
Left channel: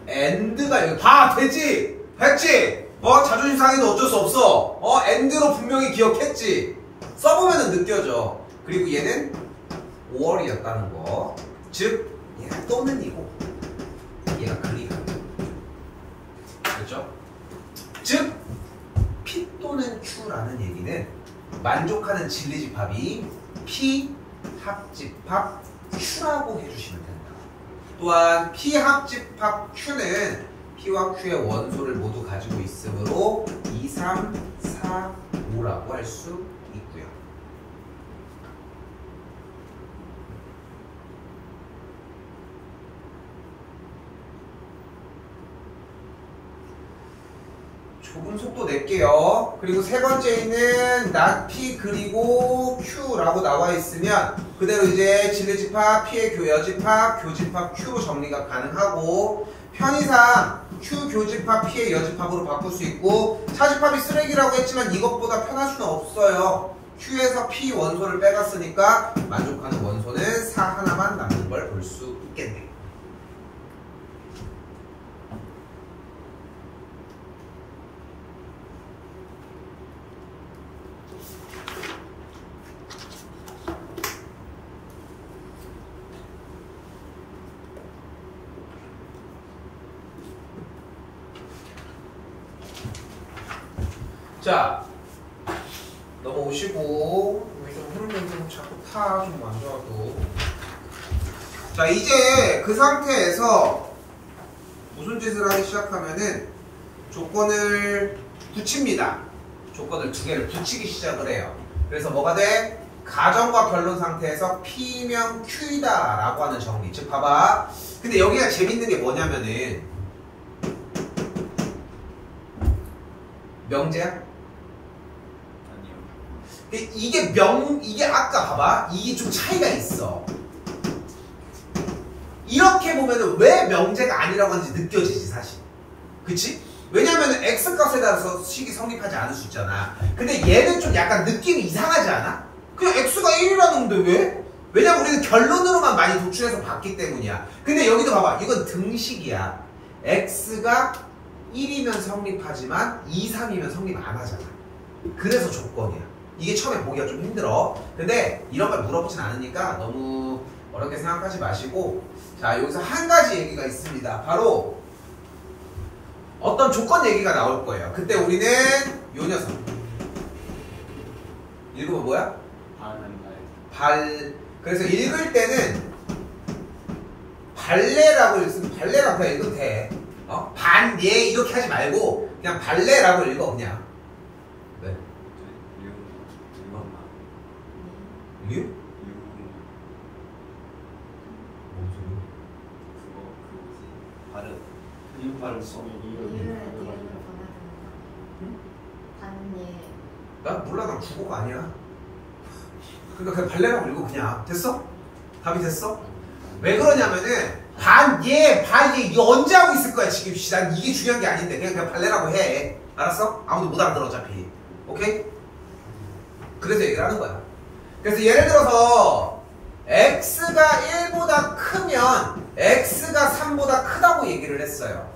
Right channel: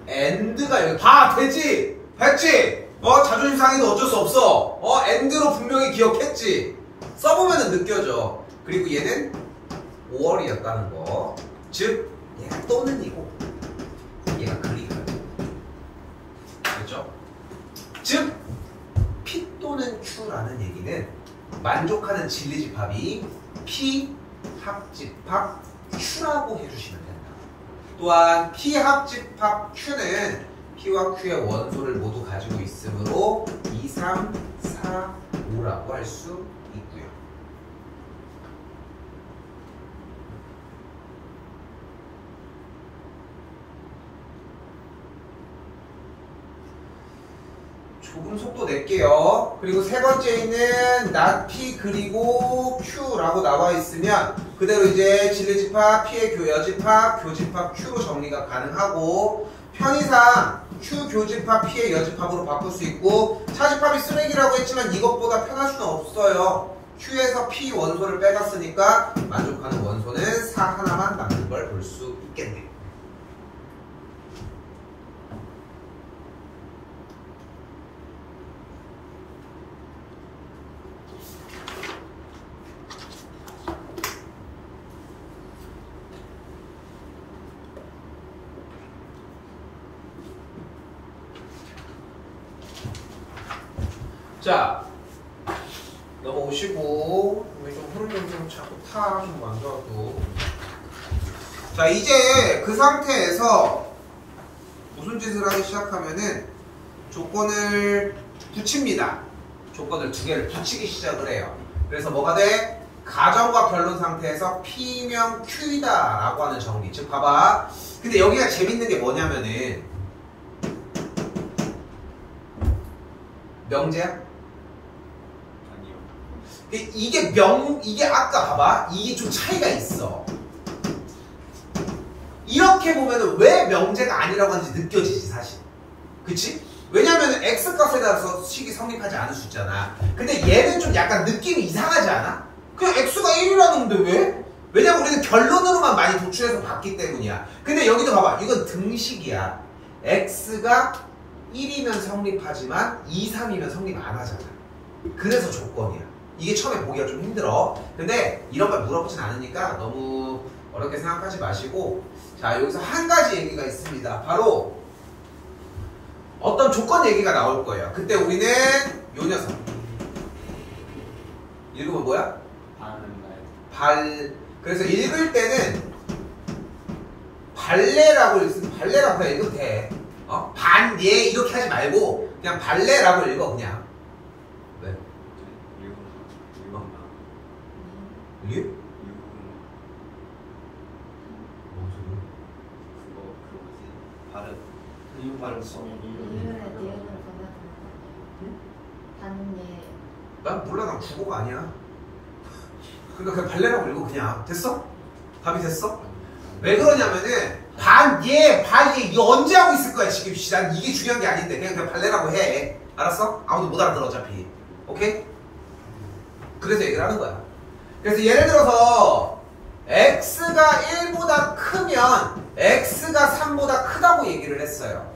엔드가 여기 봐 되지? 됐지? 자존심 상해도 어쩔 수 없어. 엔드로 분명히 기억했지? 써보면 느껴져. 그리고 얘는 5월이었다는 거. 즉 얘가 또는 이고 얘가 그리가. 그렇죠? 즉 P 또는 Q라는 얘기는 만족하는 진리집합이 P 합집합 Q라고 해주시면 된다. 또한 P 합집합 Q는 P와 Q의 원소를 모두 가지고 있으므로 2, 3, 4, 5라고 할 수 있고요. 조금 속도 낼게요. 그리고 세 번째는 not P 그리고 Q라고 나와 있으면 그대로 이제 진리집합 P의 여집합, 교집합 Q로 정리가 가능하고 편의상 Q 교집합 P의 여집합으로 바꿀 수 있고 차집합이 쓰레기라고 했지만 이것보다 편할 수는 없어요. Q에서 P 원소를 빼갔으니까 만족하는 원소는 4 하나만 남는 걸 볼 수 있겠네요. 자, 넘어오시고 여기 좀 흐름이 좀 자꾸 타 좀 안 좋아도. 자, 이제 그 상태에서 무슨 짓을 하기 시작하면은 조건을 붙입니다. 조건을 두 개를 붙이기 시작을 해요. 그래서 뭐가 돼? 가정과 결론 상태에서 P면 Q이다 라고 하는 정리. 즉 봐봐. 근데 여기가 재밌는 게 뭐냐면은 명제야? 아니요. 이게 아까 봐봐. 이게 좀 차이가 있어. 이렇게 보면은 왜 명제가 아니라고 하는지 느껴지지 사실. 그치? 왜냐면은 X값에 따라서 식이 성립하지 않을 수 있잖아. 근데 얘는 좀 약간 느낌이 이상하지 않아? 그냥 X가 1이라는데 왜? 왜냐면 우리는 결론으로만 많이 도출해서 봤기 때문이야. 근데 여기도 봐봐. 이건 등식이야. X가 1이면 성립하지만 2, 3이면 성립 안 하잖아. 그래서 조건이야. 이게 처음에 보기가 좀 힘들어. 근데 이런 걸 물어보진 않으니까 너무 어렵게 생각하지 마시고. 자, 여기서 한 가지 얘기가 있습니다. 바로 어떤 조건 얘기가 나올 거예요. 그때 우리는 요 녀석 읽으면 뭐야? 그래서 읽을 때는 발레라고 발레라고 그냥 읽어도 돼. 반예 이렇게 하지 말고 그냥 발레라고 읽어 그냥. 네. 이게? 이유 발음 써. 난 몰라. 난 국어가 아니야. 그러니까 그냥 발레라고 읽어 그냥. 됐어? 답이 됐어? 왜 그러냐면은 반예 이거 언제 하고 있을 거야 지금. 난 이게 중요한 게 아닌데 그냥 발레라고 해. 알았어? 아무도 못 알아들어 어차피. 오케이? 그래서 얘기를 하는 거야. 그래서 예를 들어서 X가 1보다 크면 X가 3보다 크다고 얘기를 했어요.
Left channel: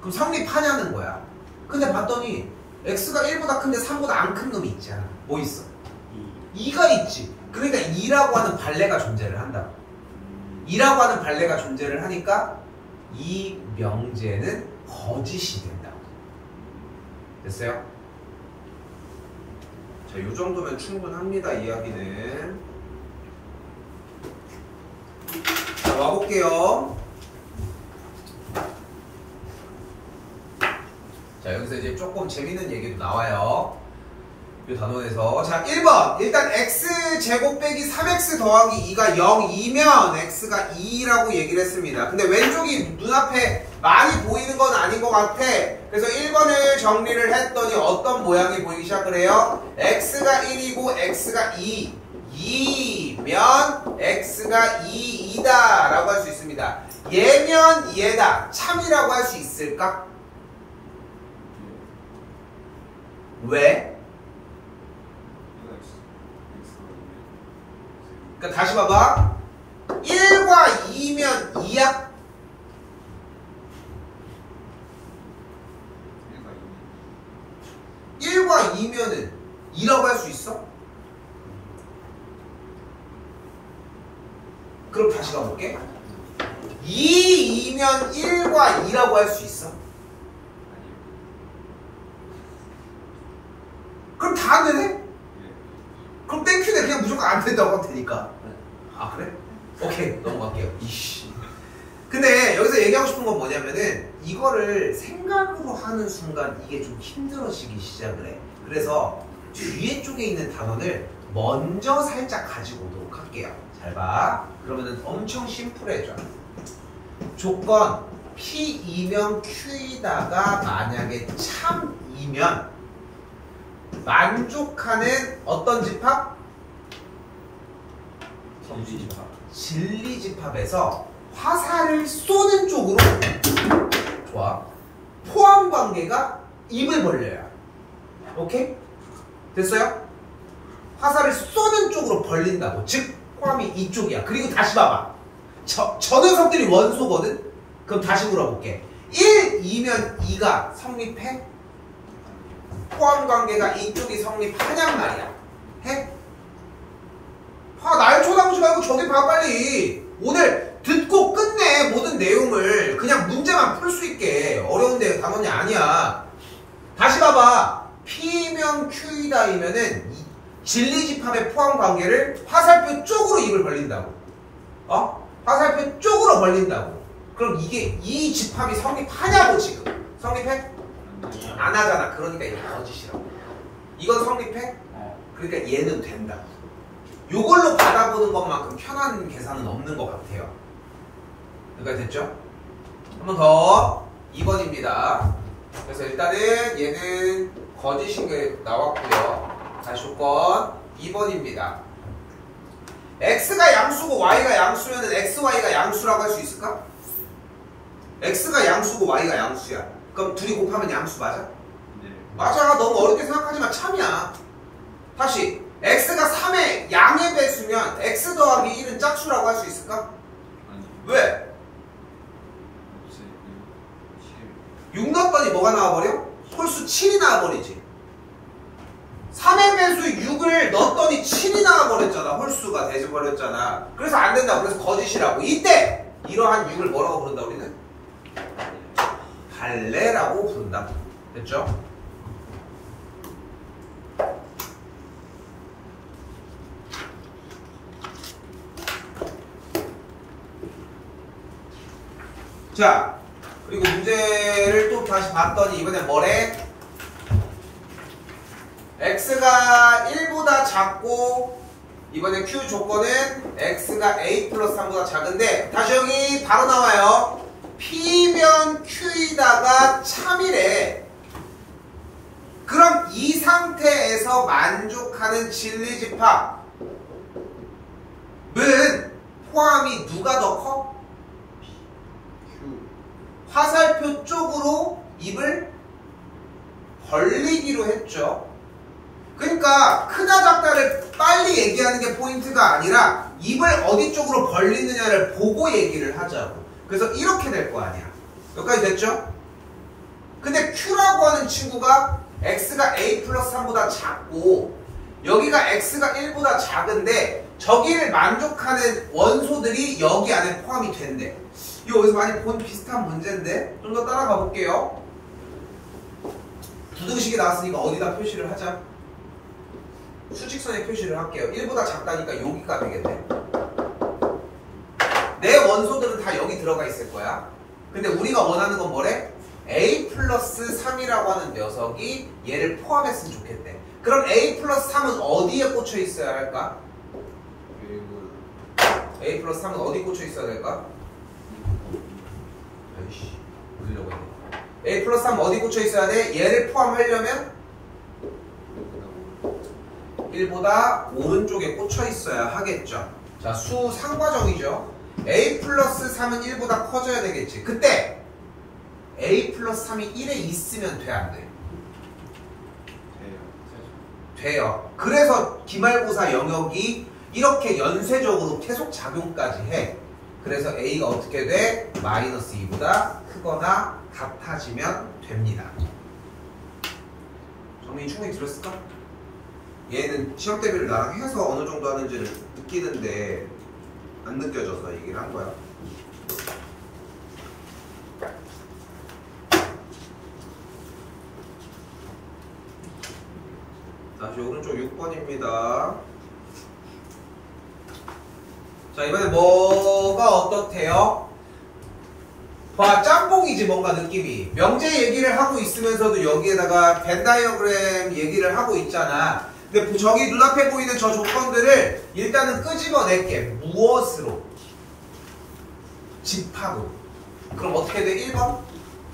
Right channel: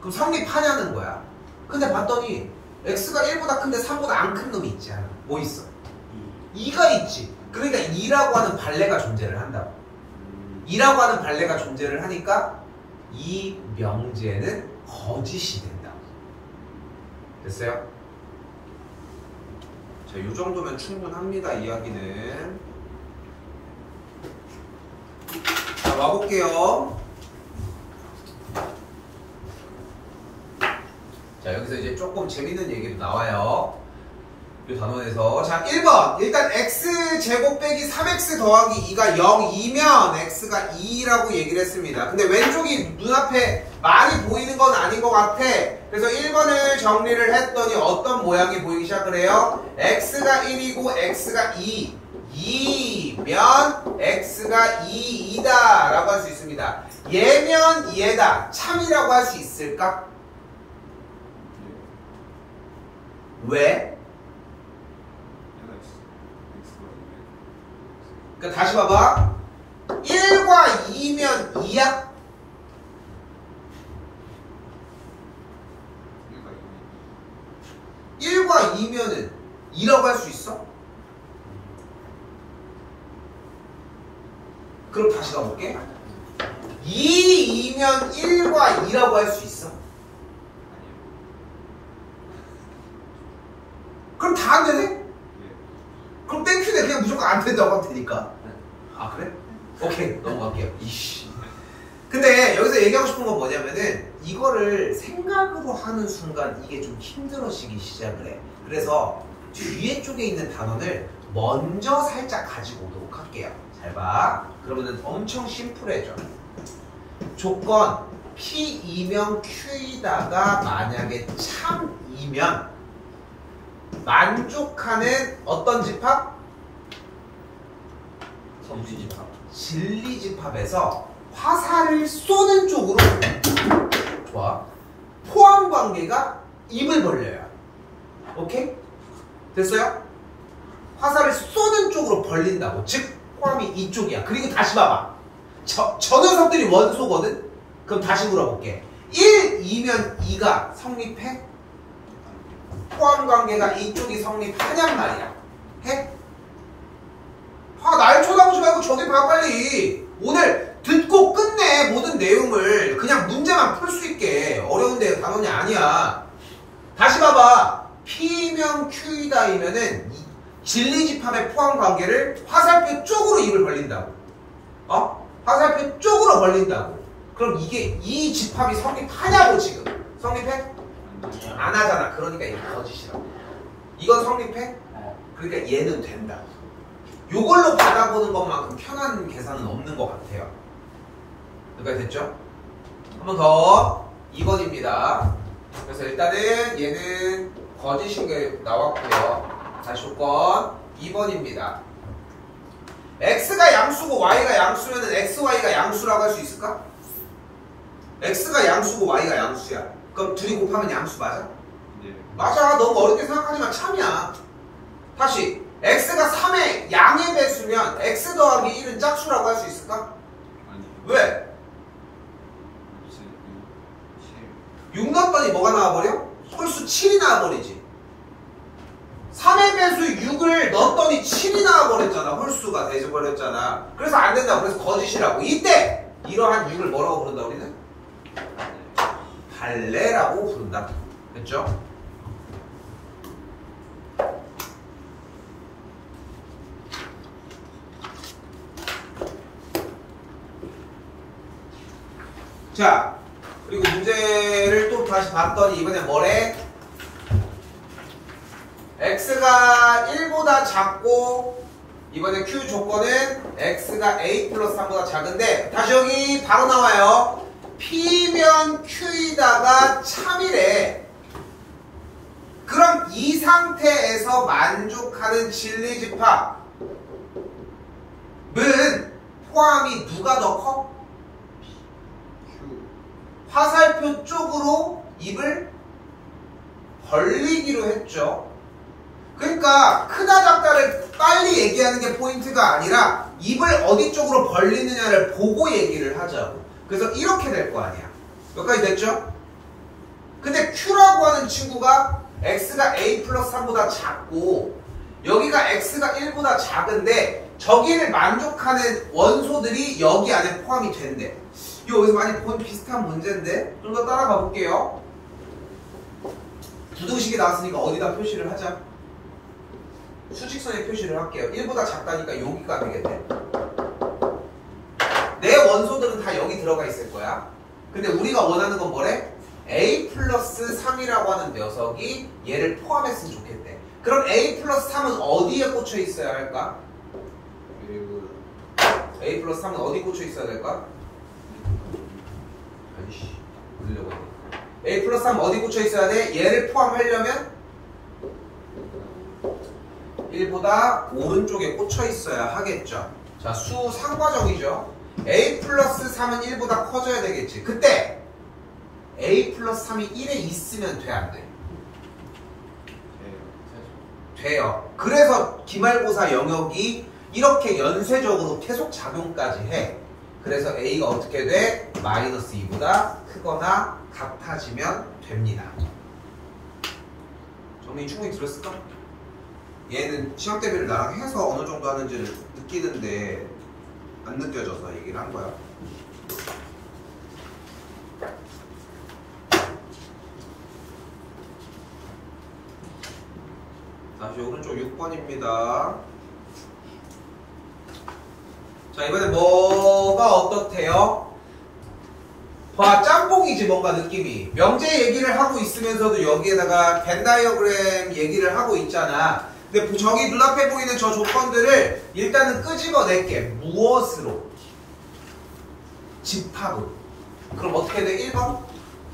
그럼 성립하냐는 거야. 근데 봤더니 X가 1보다 큰데 3보다 안 큰 놈이 있지 않아. 뭐 있어? 2가 있지. 그러니까 2라고 하는 발레가 존재를 한다고. 2라고 하는 발레가 존재를 하니까 이 명제는 거짓이 된다고. 됐어요? 자, 요 정도면 충분합니다. 이야기는. 자, 와볼게요. 자, 여기서 이제 조금 재밌는 얘기도 나와요. 이 단원에서. 자, 1번. 일단 x제곱 빼기 3x 더하기 2가 0이면 x가 2라고 얘기를 했습니다. 근데 왼쪽이 눈앞에 많이 보이는 건 아닌 것 같아. 그래서 1번을 정리를 했더니 어떤 모양이 보이기 시작을 해요? x가 1이고 x가 2면 x가 2이다 라고 할 수 있습니다. 얘면 얘다. 참이라고 할 수 있을까? 왜? 그러니까 다시 봐봐. 1과 2면 2야? 1과 2면은 2라고 할 수 있어? 그럼 다시 가볼게. 2면 1과 2라고 할 수 있어? 그럼 다 안 되네? 그럼 땡큐네. 그냥 무조건 안 된다고 하면 되니까. 아, 그래? 오케이, 넘어갈게요. 이씨. 근데 여기서 얘기하고 싶은 건 뭐냐면은 이거를 생각으로 하는 순간 이게 좀 힘들어지기 시작을 해. 그래서 뒤에 쪽에 있는 단원을 먼저 살짝 가지고 오도록 할게요. 잘 봐. 그러면은 엄청 심플해져. 조건 P이면 Q이다가 만약에 참이면 만족하는 어떤 집합? 정신집합. 진리집합에서 화살을 쏘는 쪽으로. 좋아. 포함관계가 입을 벌려요. 오케이? 됐어요? 화살을 쏘는 쪽으로 벌린다고. 즉 포함이 이쪽이야. 그리고 다시 봐봐. 저 녀석들이 원소거든? 그럼 다시 물어볼게. 1, 2면 2가 성립해? 포함관계가 이쪽이 성립하냔 말이야. 해? 날 쳐다보지 말고 저기 봐 빨리. 오늘 듣고 끝내 모든 내용을. 그냥 문제만 풀 수 있게. 어려운데 단원이 아니야. 다시 봐봐. P면 Q이다이면은 진리집합의 포함 관계를 화살표 쪽으로 입을 벌린다고. 화살표 쪽으로 벌린다고. 그럼 이게 이 집합이 성립하냐고 지금. 성립해? 안 하잖아. 그러니까 이게 거짓이라고. 이건 성립해? 그러니까 얘는 된다. 요걸로 받아보는 것만큼 편한 계산은 없는 것 같아요. 여기까지 됐죠? 한 번 더. 2번입니다. 그래서 일단은 얘는 거짓인 게 나왔고요. 다시 조건 2번입니다. x가 양수고 y가 양수면 x, y가 양수라고 할 수 있을까? x가 양수고 y가 양수야. 그럼 둘이 곱하면 양수 맞아? 네. 맞아. 너무 어렵게 생각하지 마. 참이야. 다시 x가 3의 양의 배수면 x 더하기 1은 짝수라고 할 수 있을까? 아니. 왜? 6 넣었더니 뭐가 나와버려? 홀수 7이 나와버리지. 3의 배수 6을 넣었더니 7이 나와버렸잖아. 홀수가 돼버렸잖아. 그래서 안 된다고. 그래서 거짓이라고. 이때 이러한 6을 뭐라고 부른다 우리는? 갈래라고 부른다. 됐죠? 자, 그리고 문제를 또 다시 봤더니 이번엔 뭐래? x가 1보다 작고 이번에 q 조건은 x가 a 플러스 3보다 작은데 다시 여기 바로 나와요. p면 q이다가 참이래. 그럼 이 상태에서 만족하는 진리집합은 포함이 누가 더 커? 화살표 쪽으로 입을 벌리기로 했죠. 그러니까 크다 작다를 빨리 얘기하는 게 포인트가 아니라 입을 어디 쪽으로 벌리느냐를 보고 얘기를 하자고. 그래서 이렇게 될 거 아니야. 여기까지 됐죠? 근데 Q라고 하는 친구가 X가 A 플러스 3보다 작고 여기가 X가 1보다 작은데 저기를 만족하는 원소들이 여기 안에 포함이 된대. 이거 어디서 많이 본 비슷한 문제인데 좀 더 따라가 볼게요. 부등식이 나왔으니까 어디다 표시를 하자. 수직선에 표시를 할게요. 1보다 작다니까 여기가 되겠네. 내 원소들은 다 여기 들어가 있을 거야. 근데 우리가 원하는 건 뭐래? A 플러스 3이라고 하는 녀석이 얘를 포함했으면 좋겠대. 그럼 A 플러스 3은 어디에 꽂혀 있어야 할까? A 플러스 3은 어디 꽂혀 있어야 될까? 아이씨, 올리려고 했네. A 플러스 3 어디 꽂혀 있어야 돼? 얘를 포함하려면 1보다 오른쪽에 꽂혀 있어야 하겠죠. 자, 수 상과정이죠. A 플러스 3은 1보다 커져야 되겠지. 그때 A 플러스 3이 1에 있으면 돼, 안 돼? 돼요. 그래서 기말고사 영역이 이렇게 연쇄적으로 계속 작용까지 해. 그래서 A가 어떻게 돼? 마이너스 2보다 크거나 같아지면 됩니다. 정민이 충분히 들었을까? 얘는 시험 대비를 나랑 해서 어느 정도 하는지를 느끼는데 안 느껴져서 얘기를 한 거야. 다시 오른쪽 6번입니다. 자, 이번엔 뭐가 어떻대요? 봐, 짬뽕이지 뭔가 느낌이. 명제 얘기를 하고 있으면서도 여기에다가 벤 다이어그램 얘기를 하고 있잖아. 근데 저기 눈앞에 보이는 저 조건들을 일단은 끄집어낼게. 무엇으로? 집합으로. 그럼 어떻게 돼? 1번?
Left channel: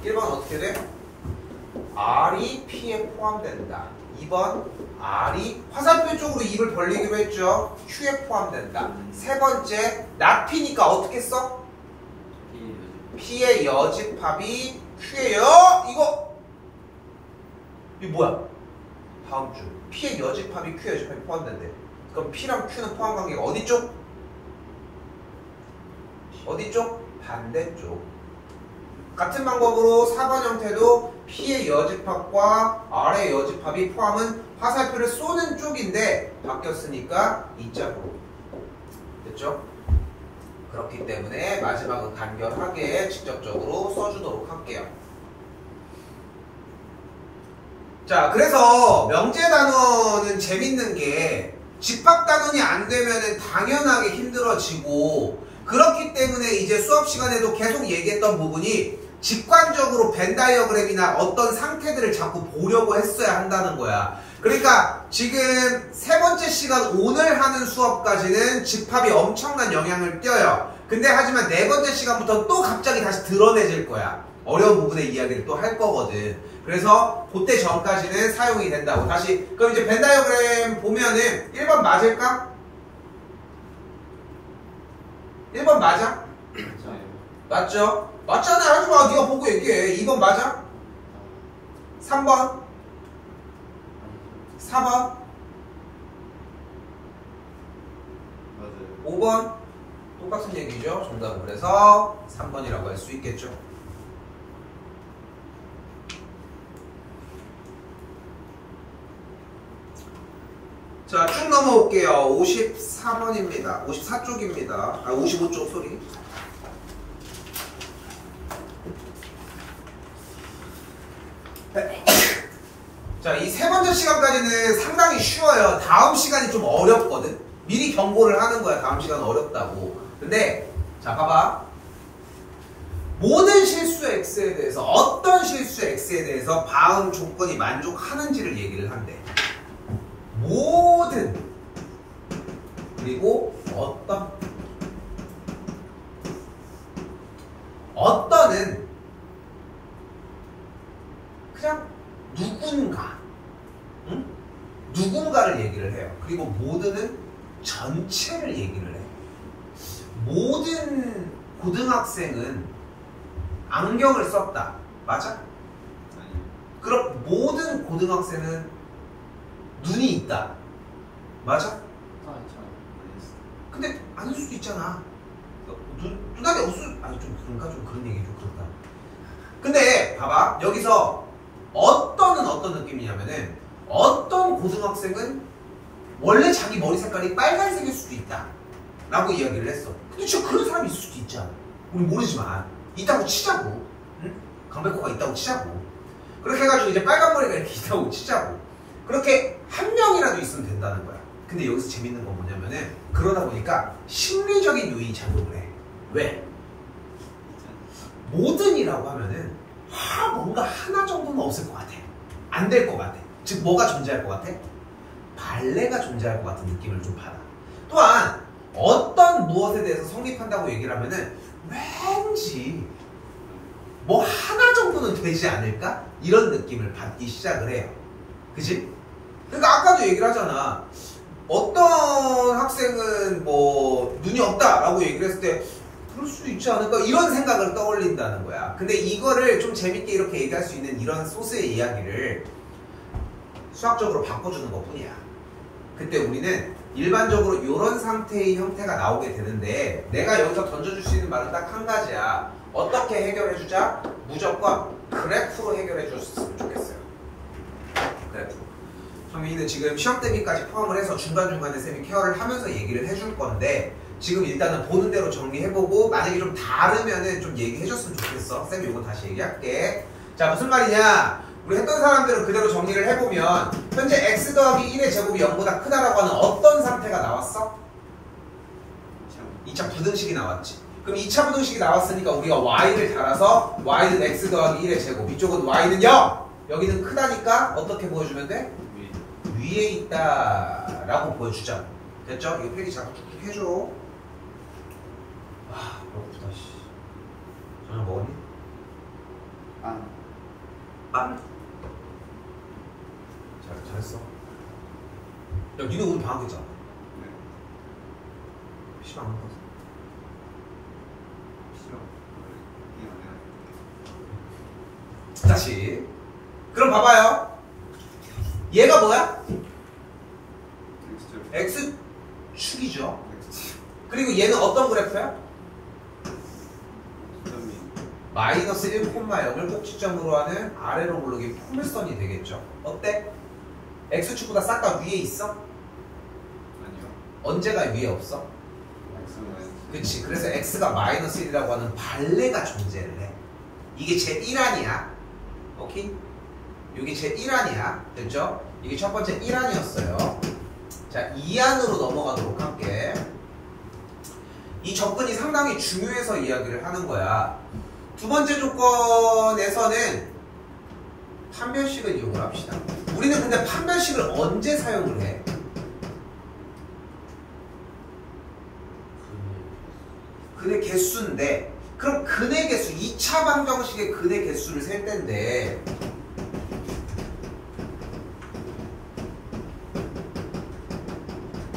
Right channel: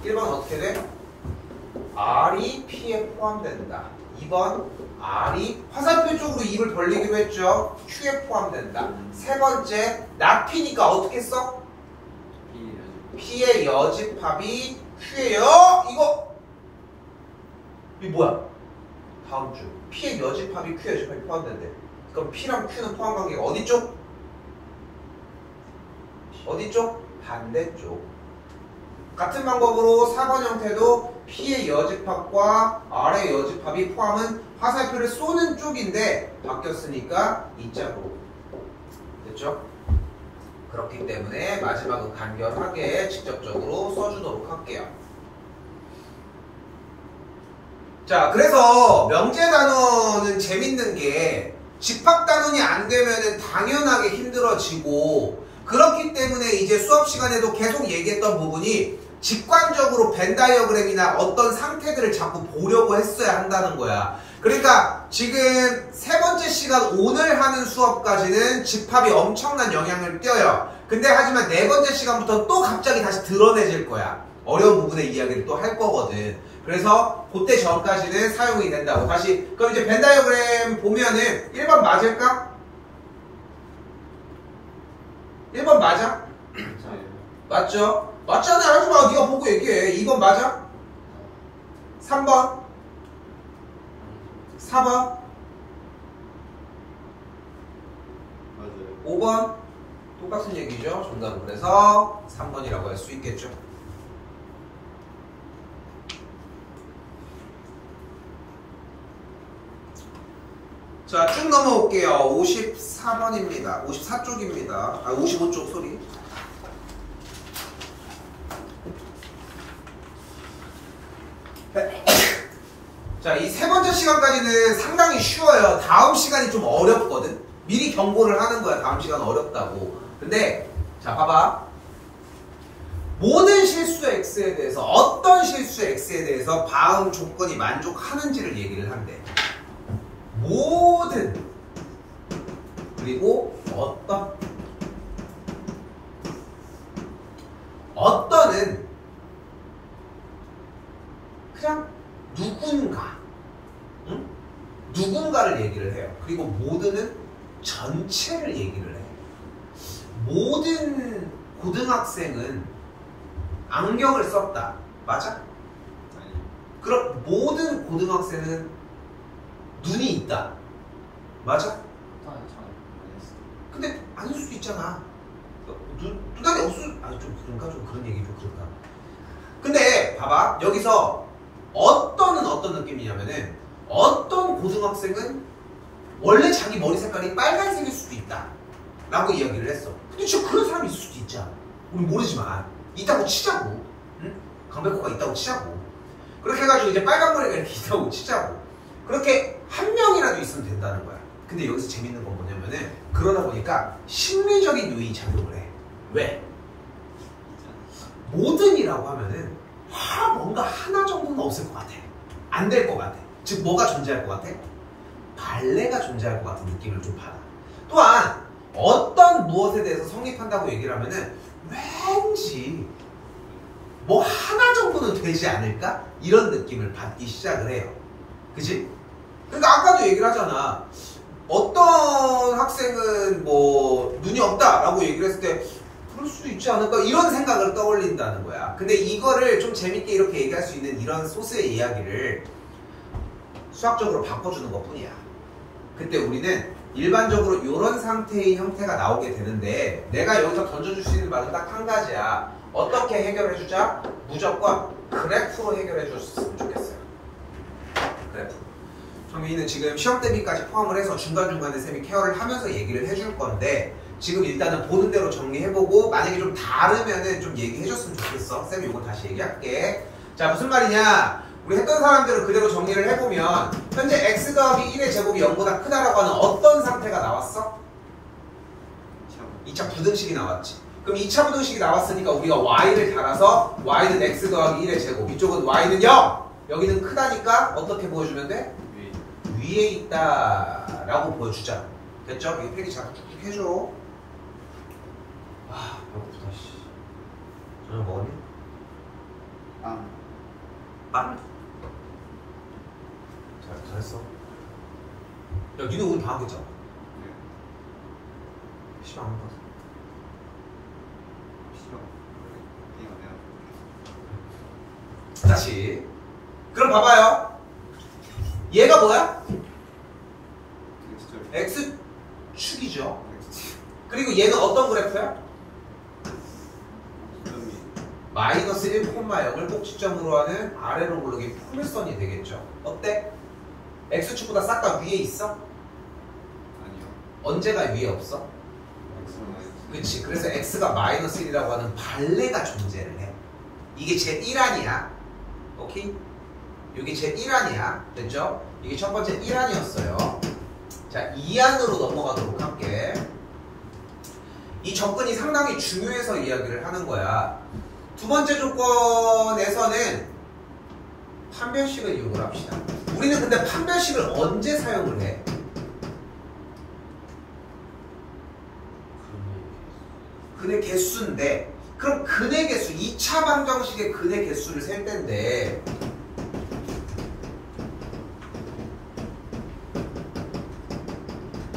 1번 어떻게 돼? R이 P에 포함된다. 2번 R이 화살표 쪽으로 입을 벌리기로 했죠. Q에 포함된다. 세 번째 나피니까 어떻게 써? P의 여집합이 Q의 이거 뭐야? 다음 주 P의 여집합이 Q의 여집합이 포함된대. 그럼 P랑 Q는 포함 관계가 어디 쪽? 어디 쪽? 반대쪽. 같은 방법으로 4번 형태도 P의 여집합과 R의 여집합이 포함은 화살표를 쏘는 쪽인데 바뀌었으니까 이 짝으로 됐죠? 그렇기 때문에 마지막은 간결하게 직접적으로 써주도록 할게요. 자, 그래서 명제 단원은 재밌는 게 집합 단원이 안 되면은 당연하게 힘들어지고, 그렇기 때문에 이제 수업 시간에도 계속 얘기했던 부분이 직관적으로 벤 다이어그램이나 어떤 상태들을 자꾸 보려고 했어야 한다는 거야. 그러니까 지금 세 번째 시간 오늘 하는 수업까지는 집합이 엄청난 영향을 띄어요. 근데 하지만 네 번째 시간부터 또 갑자기 다시 드러내질 거야. 어려운 부분의 이야기를 또 할 거거든. 그래서 그때 전까지는 사용이 된다고. 다시 그럼 이제 벤 다이어그램 보면은 1번 맞을까? 1번 맞아? 맞죠? 맞잖아. 하지마. 네가 보고 얘기해. 2번 맞아? 3번? 4번? 맞아요. 5번? 똑같은 얘기죠. 정답은 그래서 3번이라고 할 수 있겠죠. 자, 쭉 넘어올게요. 54번입니다. 54쪽입니다. 아, 55쪽, 소리. 자, 이 세 번째 시간까지는 상당히 쉬워요. 다음 시간이 좀 어렵거든. 미리 경고를 하는 거야. 다음 시간 어렵다고. 근데 자, 봐봐. 모든 실수 x에 대해서, 어떤 실수 x에 대해서 바음 조건이 만족하는지를 얘기를 한대. 모든, 그리고 어떤은 그냥 누군가, 응? 누군가를 얘기를 해요. 그리고 모든은 전체를 얘기를 해. 모든 고등학생은 안경을 썼다. 맞아? 그럼 모든 고등학생은 눈이 있다. 맞아? 근데 아닐 수도 있잖아. 눈알이 없을, 아니 좀 그런가? 좀 그런 얘기 좀 그런가? 근데 봐봐. 여기서 어떤은 어떤 느낌이냐면은 어떤 고등학생은 원래 자기 머리 색깔이 빨간색일 수도 있다 라고 이야기를 했어. 근데 진짜 그런 사람이 있을 수도 있잖아. 우리 모르지만 있다고 치자고. 응? 강백호가 있다고 치자고. 그렇게 해가지고 이제 빨간 머리가 이렇게 있다고 치자고. 그렇게 한 명이라도 있으면 된다는 거야. 근데 여기서 재밌는 건 뭐냐면은 그러다 보니까 심리적인 요인이 작용을 해. 왜? 모든이라고 하면은 뭔가 하나 정도는 없을 것 같아. 안 될 것 같아. 즉 뭐가 존재할 것 같아? 발레가 존재할 것 같은 느낌을 좀 받아. 또한 어떤 무엇에 대해서 성립한다고 얘기를 하면은 왠지 뭐 하나 정도는 되지 않을까? 이런 느낌을 받기 시작을 해요. 그치? 그러니까 아까도 얘기를 하잖아. 어떤 학생은 뭐 눈이 없다라고 얘기를 했을 때 그럴 수도 있지 않을까? 이런 생각을 떠올린다는 거야. 근데 이거를 좀 재밌게 이렇게 얘기할 수 있는 이런 소스의 이야기를 수학적으로 바꿔주는 것 뿐이야. 그때 우리는 일반적으로 이런 상태의 형태가 나오게 되는데 내가 여기서 던져줄 수 있는 말은 딱 한 가지야. 어떻게 해결해주자? 무조건 그래프로 해결해줬으면 좋겠어요. 그래프. 정민이는 지금 시험 대비까지 포함을 해서 중간중간에 쌤이 케어를 하면서 얘기를 해줄 건데 지금 일단은 보는 대로 정리해보고 만약에 좀 다르면은 좀 얘기해줬으면 좋겠어. 쌤이 이거 다시 얘기할게. 자, 무슨 말이냐? 우리 했던 사람들은 그대로 정리를 해보면 현재 x 더하기 1의 제곱이 0보다 크다라고 하는 어떤 상태가 나왔어? 2차 부등식이 나왔지. 그럼 2차 부등식이 나왔으니까 우리가 y를 달아서 y는 x 더하기 1의 제곱, 이쪽은 y는 0! 여기는 크다니까 어떻게 보여주면 돼? 위에 있다 라고 보여주자. 됐죠? 이거 필기 자꾸 툭툭 해줘. 아, 배고프다. 씨. 저녁 먹었니? 빵? 잘했어. 야, 니네 오늘 방학했잖아. 시간 안 갔어. 다시. 그럼 봐봐요. 얘가 뭐야? X축이죠. 그리고 얘는 어떤 그래프야? 마이너스 1,0을 꼭지점으로 하는 아래로 굴르기 포물선이 되겠죠. 어때? X축보다 싹 다 위에 있어? 아니요. 언제가 위에 없어? 그치. 그래서 X가 마이너스 1이라고 하는 발레가 존재를 해. 이게 제 1안이야. 오케이? 여기 제 1안이야. 됐죠? 이게 첫 번째 1안이었어요. 자, 2안으로 넘어가도록 할게. 이 접근이 상당히 중요해서 이야기를 하는 거야. 두 번째 조건에서는 판별식을 이용을 합시다. 우리는 근데 판별식을 언제 사용을 해? 근의 개수인데, 그럼 근의 개수, 2차 방정식의 근의 개수를 셀 때인데,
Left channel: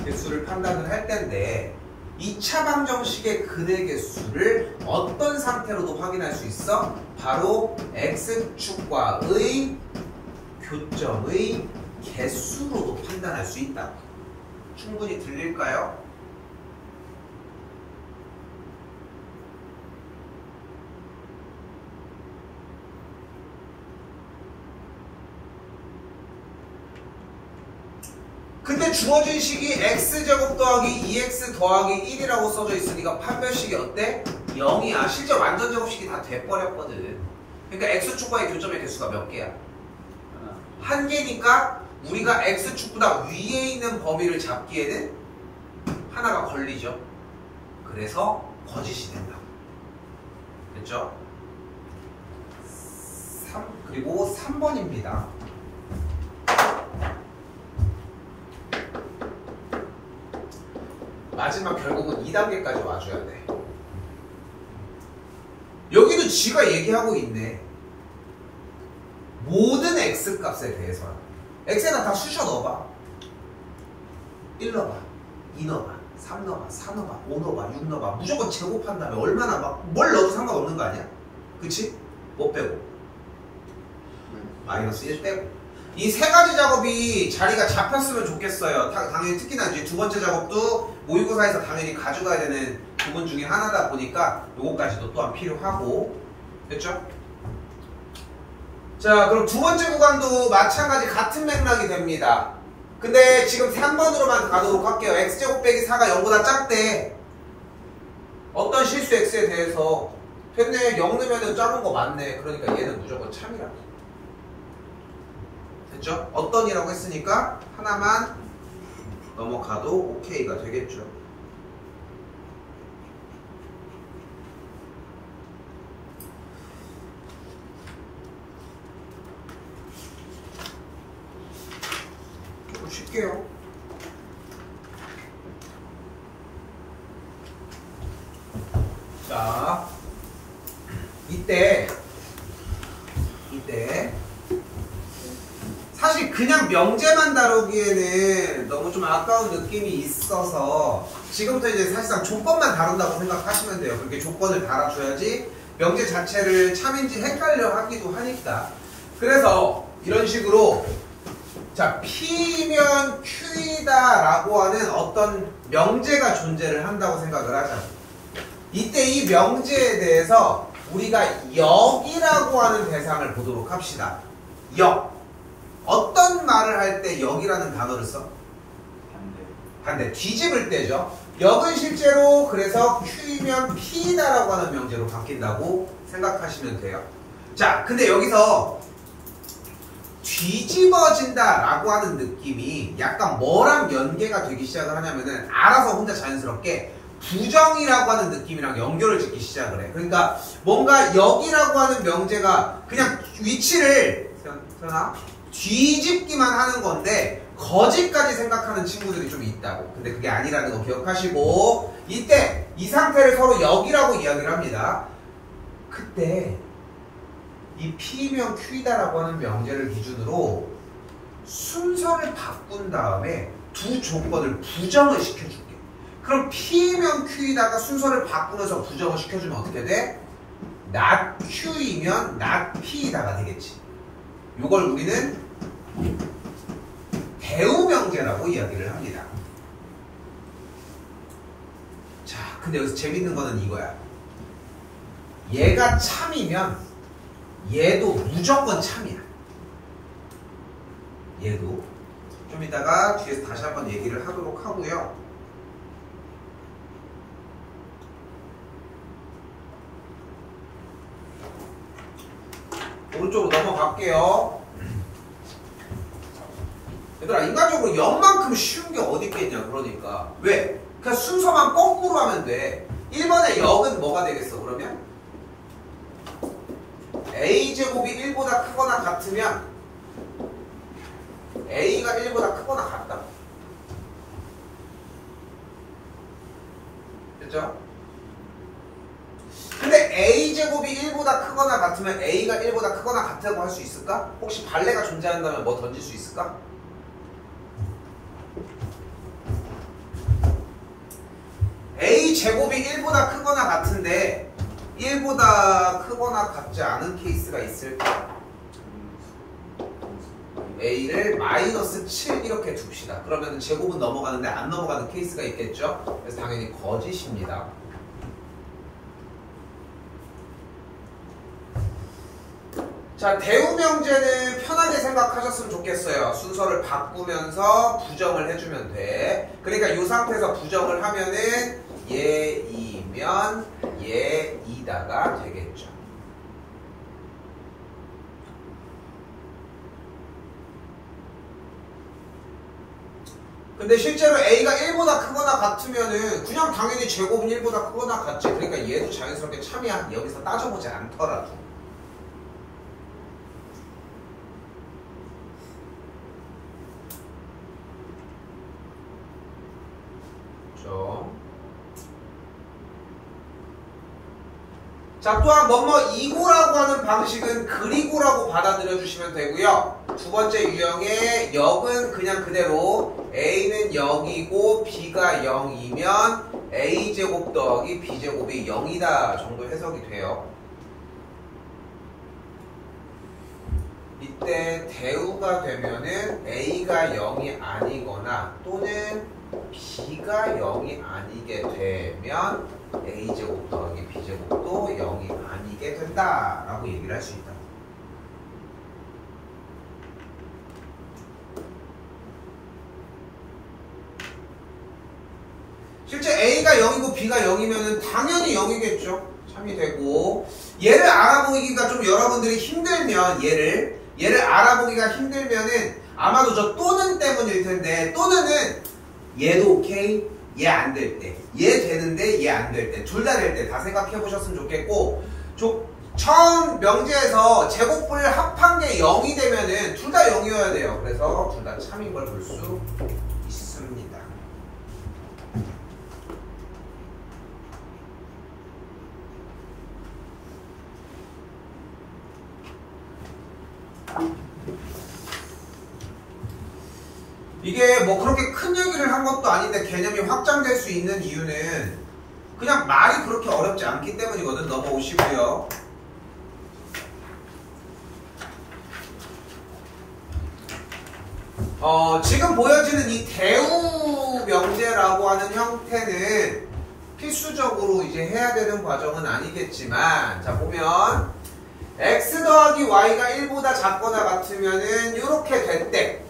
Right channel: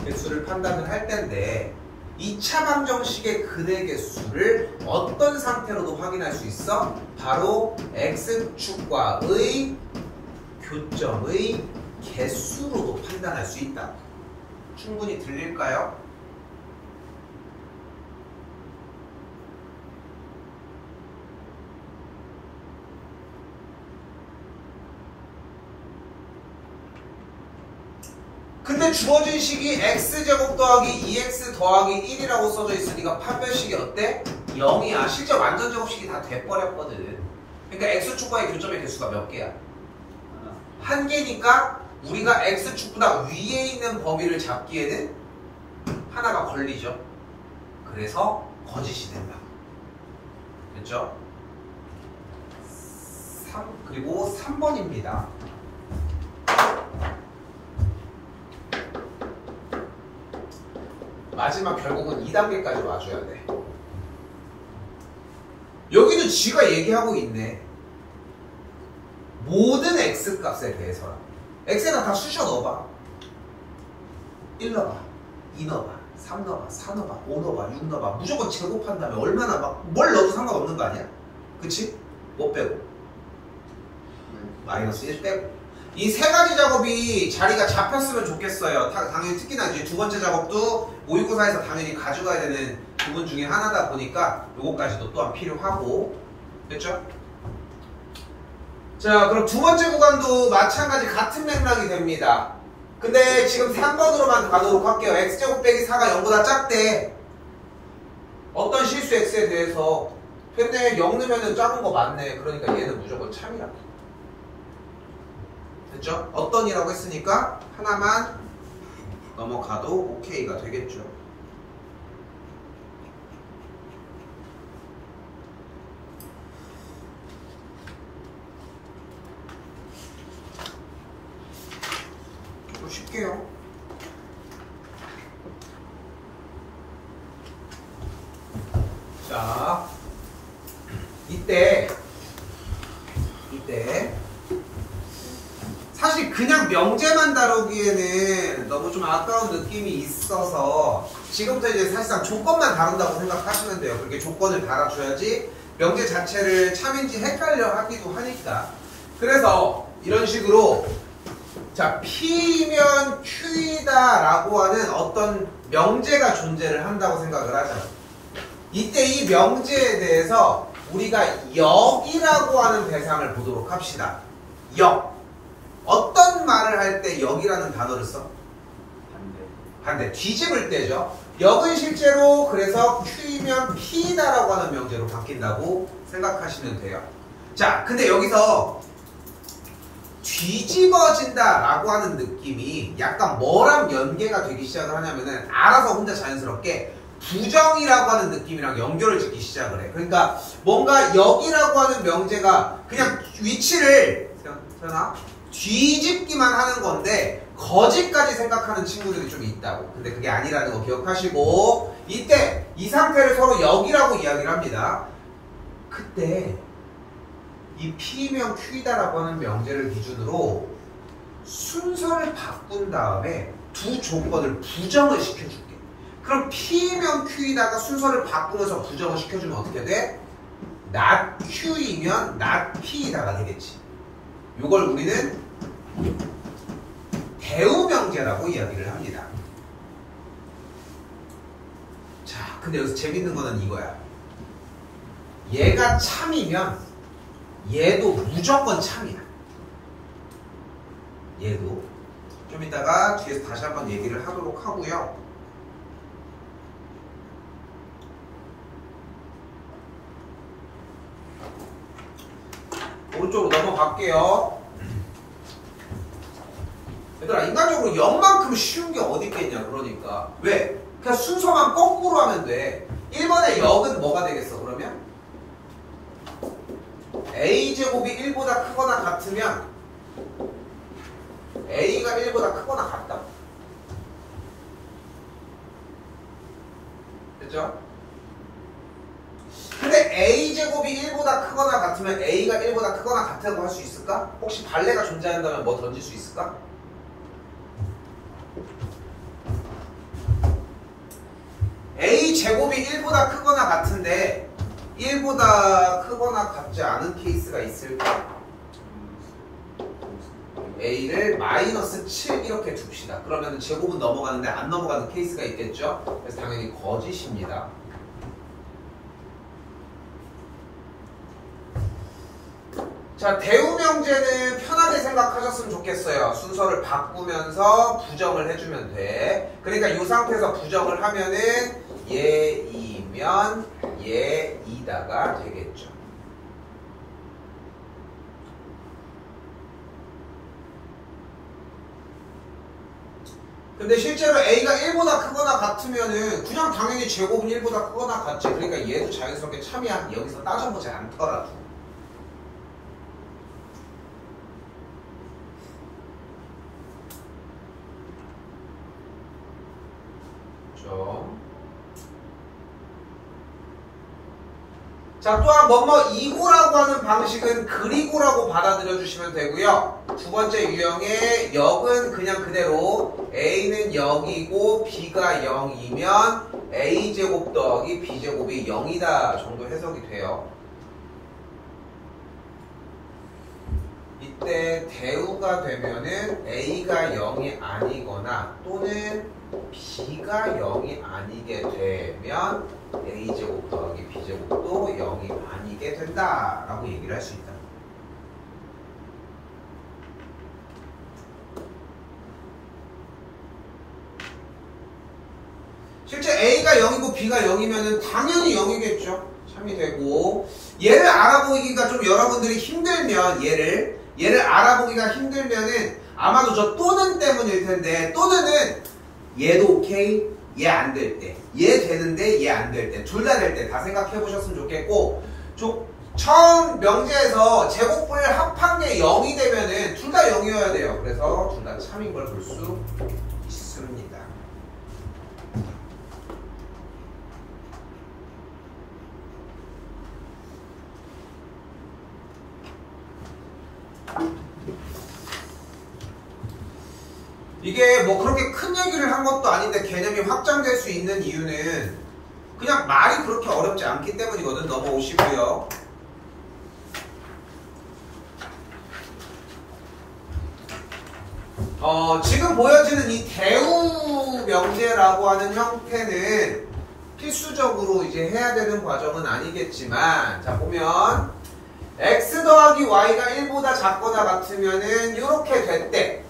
개수를 판단을 할 때인데, 2차 방정식의 근의 개수를 어떤 상태로도 확인할 수 있어? 바로 x축과의 교점의 개수로도 판단할 수 있다. 충분히 들릴까요? 근데 주어진 식이 x제곱 더하기 2x 더하기 1이라고 써져 있으니까 판별식이 어때? 0이야. 실제 완전 제곱식이 다 돼버렸거든. 그러니까 x축과의 교점의 개수가 몇 개야? 한 개니까 우리가 x축보다 위에 있는 범위를 잡기에는 하나가 걸리죠. 그래서 거짓이 된다. 됐죠? 그리고 3번입니다. 마지막 결국은 2단계까지 와줘야 돼. 여기도 지가 얘기하고 있네. 모든 x값에 대해서는 x에다 다 쑤셔 넣어봐. 1 넣어봐, 2 넣어봐, 3 넣어봐, 4 넣어봐, 5 넣어봐, 6 넣어봐. 무조건 제곱한 다음에 얼마나 막 뭘 넣어도 상관없는 거 아니야? 그치? 뭐 빼고? 마이너스 1 빼고. 이 세 가지 작업이 자리가 잡혔으면 좋겠어요. 당연히 특히나 이제 두 번째 작업도 모의고사에서 당연히 가져가야 되는 부분 중에 하나다 보니까 요거까지도 또한 필요하고. 됐죠? 자, 그럼 두 번째 구간도 마찬가지 같은 맥락이 됩니다. 근데 지금 3번으로만 가도록 할게요. x제곱 빼기 4가 0보다 작대. 어떤 실수 x에 대해서 됐네. 0 넣으면 작은 거 맞네. 그러니까 얘는 무조건 참이라고. 됐죠? 어떤 이라고 했으니까 하나만 넘어가도 오케이가 되겠죠. 조금 쉽게요. 자, 이때 사실 그냥 명제만 다루기에는 너무 좀 아까운 느낌이 있어서 지금부터 이제 사실상 조건만 다룬다고 생각하시면 돼요. 그렇게 조건을 달아줘야지 명제 자체를 참인지 헷갈려 하기도 하니까. 그래서 이런 식으로 자, P면 Q이다 라고 하는 어떤 명제가 존재를 한다고 생각을 하잖아. 이때 이 명제에 대해서 우리가 역이라고 하는 대상을 보도록 합시다. 역. 어떤 말을 할 때 역이라는 단어를 써? 반대. 뒤집을 때죠. 역은 실제로 그래서 Q이면 P다라고 하는 명제로 바뀐다고 생각하시면 돼요. 자, 근데 여기서 뒤집어진다라고 하는 느낌이 약간 뭐랑 연계가 되기 시작을 하냐면은 알아서 혼자 자연스럽게 부정이라고 하는 느낌이랑 연결을 짓기 시작을 해. 그러니까 뭔가 역이라고 하는 명제가 그냥 위치를 뒤집기만 하는 건데 거짓까지 생각하는 친구들이 좀 있다고. 근데 그게 아니라는 거 기억하시고, 이때 이 상태를 서로 역이라고 이야기를 합니다. 그때 이 P면 Q이다라고 하는 명제를 기준으로 순서를 바꾼 다음에 두 조건을 부정을 시켜줄게. 그럼 P면 Q이다가 순서를 바꾸면서 부정을 시켜주면 어떻게 돼? not Q이면 not P이다가 되겠지. 요걸 우리는 대우명제라고 이야기를 합니다. 자, 근데 여기서 재밌는 거는 이거야. 얘가 참이면 얘도 무조건 참이야. 얘도. 좀 이따가 뒤에서 다시 한번 얘기를 하도록 하고요. 오른쪽으로 넘어갈게요. 얘들아 인간적으로 0만큼 쉬운 게 어디 있겠냐. 그러니까 왜? 그냥 순서만 거꾸로 하면 돼. 1번의 역은 뭐가 되겠어 그러면? a제곱이 1보다 크거나 같으면 a가 1보다 크거나 같다. 그죠? 근데 a제곱이 1보다 크거나 같으면 a가 1보다 크거나 같다고 할 수 있을까? 혹시 발레가 존재한다면 뭐 던질 수 있을까? a제곱이 1보다 크거나 같은데 1보다 크거나 같지 않은 케이스가 있을까? a를 마이너스 7 이렇게 둡시다. 그러면 제곱은 넘어가는데 안 넘어가는 케이스가 있겠죠? 그래서 당연히 거짓입니다. 자, 대우명제는 편하게 생각하셨으면 좋겠어요. 순서를 바꾸면서 부정을 해주면 돼. 그러니까 이 상태에서 부정을 하면은 얘이면 얘이다가 되겠죠. 근데 실제로 a가 1보다 크거나 같으면은 그냥 당연히 제곱은 1보다 크거나 같지. 그러니까 얘도 자연스럽게 참이야. 여기서 따져보지 않더라도. 자, 또한 뭐뭐 이고라고 하는 방식은 그리고라고 받아들여 주시면 되고요. 두 번째 유형의 역은 그냥 그대로 a는 0이고 b가 0이면 a제곱 더하기 b제곱이 0이다 정도 해석이 돼요. 이때 대우가 되면은 a가 0이 아니거나 또는 b가 0이 아니게 되면 a제곱 더하기 b제곱도 0이 아니게 된다라고 얘기를 할 수 있다. 실제 a가 0이고 b가 0이면 당연히 0이겠죠. 참이 되고, 얘를 알아보기가 좀 여러분들이 힘들면 얘를 알아보기가 힘들면은 아마도 저 또는 때문일 텐데, 또는은 얘도 오케이, 얘 안 될 때, 얘 되는데 얘 안 될 때, 둘 다 될 때 다 생각해 보셨으면 좋겠고, 처음 명제에서 제곱을 합한 게 0이 되면은 둘 다 0이어야 돼요. 그래서 둘 다 참인 걸 볼 수 있습니다. 이게 뭐 그렇게 큰 얘기를 한 것도 아닌데 개념이 확장될 수 있는 이유는 그냥 말이 그렇게 어렵지 않기 때문이거든. 넘어오시고요. 지금 보여지는 이 대우 명제라고 하는 형태는 필수적으로 이제 해야 되는 과정은 아니겠지만, 자 보면 x 더하기 y가 1보다 작거나 같으면은 이렇게 됐대.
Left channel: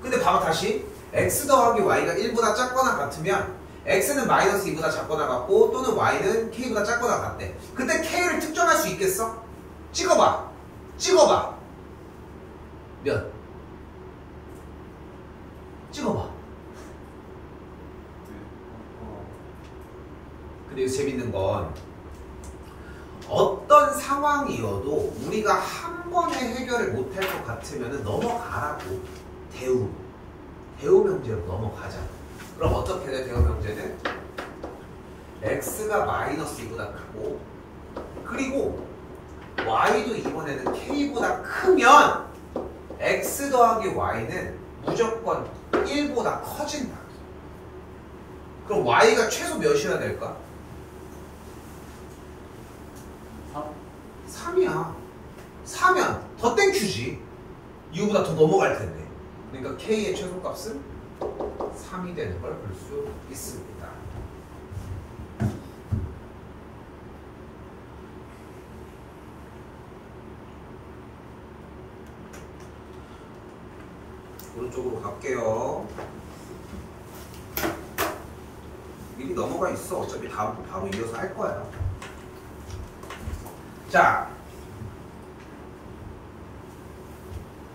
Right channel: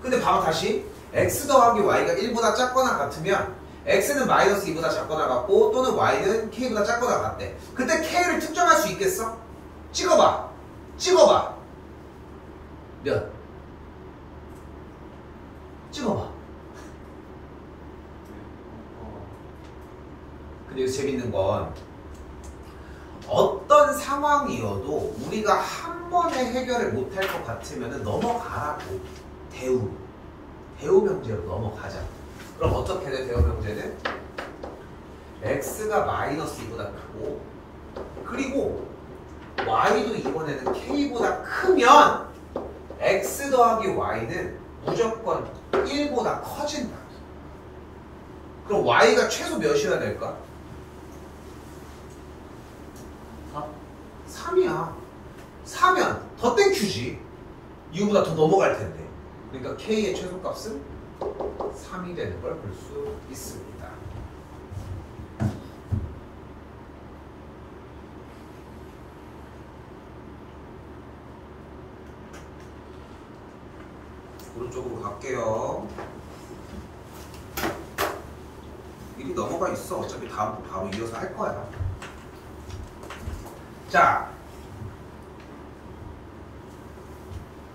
근데 봐봐 다시 x 더하기 y가 1보다 작거나 같으면 x는 마이너스 2보다 작거나 같고 또는 y는 k보다 작거나 같대. 그때 k를 특정할 수 있겠어? 찍어봐. 몇? 찍어봐. 근데 여기서 재밌는 건 어떤 상황이어도 우리가 한 번에 해결을 못할 것 같으면 넘어가라고. 대우 명제로 넘어가자. 그럼 어떻게 돼? 대우 명제는 x가 마이너스 2보다 크고 그리고 y도 이번에는 k보다 크면 x 더하기 y는 무조건 1보다 커진다. 그럼 y가 최소 몇이나 될까? 3이야. 4면 더 땡큐지. 2보다 더 넘어갈 텐데. 그러니까 k의 최소값은 3이 되는 걸 볼 수 있습니다. 오른쪽으로 갈게요. 미리 넘어가 있어. 어차피 다음 바로 이어서 할 거야. 자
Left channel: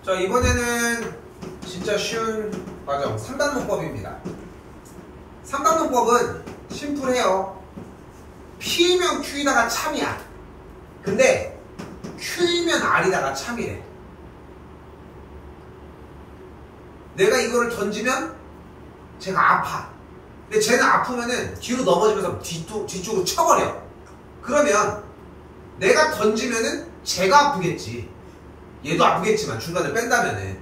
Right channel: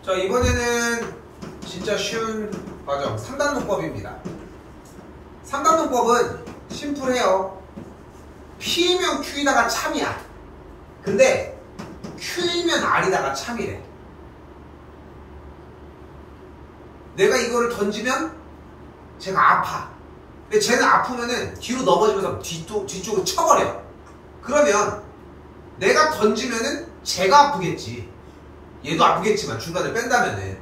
이번에는 진짜 쉬운 과정 3단론법입니다. 3단론법은 심플해요. P이면 Q이다가 참이야. 근데 Q이면 R이다가 참이래. 내가 이거를 던지면 쟤가 아파. 근데 쟤는 아프면은 뒤로 넘어지면서 뒤쪽으로 쳐버려. 그러면 내가 던지면은 쟤가 아프겠지. 얘도 아프겠지만 중간에 뺀다면은.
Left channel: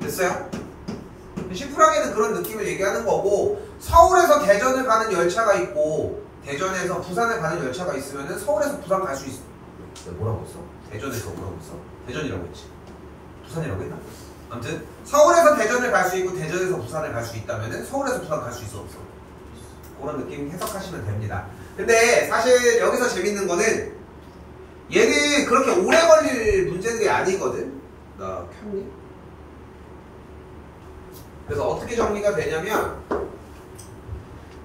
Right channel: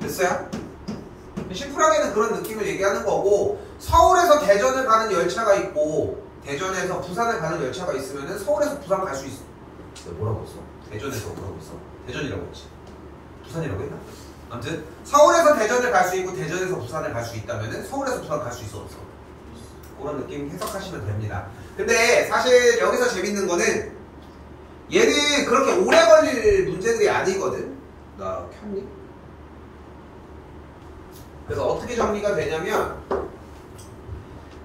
됐어요? 심플하게는 그런 느낌을 얘기하는 거고, 서울에서 대전을 가는 열차가 있고 대전에서 부산을 가는 열차가 있으면은 서울에서 부산 갈 수 있어. 내가 뭐라고 했어? 대전에서 뭐라고 했어? 대전이라고 했지. 부산이라고 했나? 아무튼 서울에서 대전을 갈 수 있고 대전에서 부산을 갈 수 있다면은 서울에서 부산 갈 수 있어 없어? 그런 느낌 해석하시면 됩니다. 근데 사실 여기서 재밌는 거는 얘는 그렇게 오래 걸릴 문제들이 아니거든. 나 켰니? 그래서 어떻게 정리가 되냐면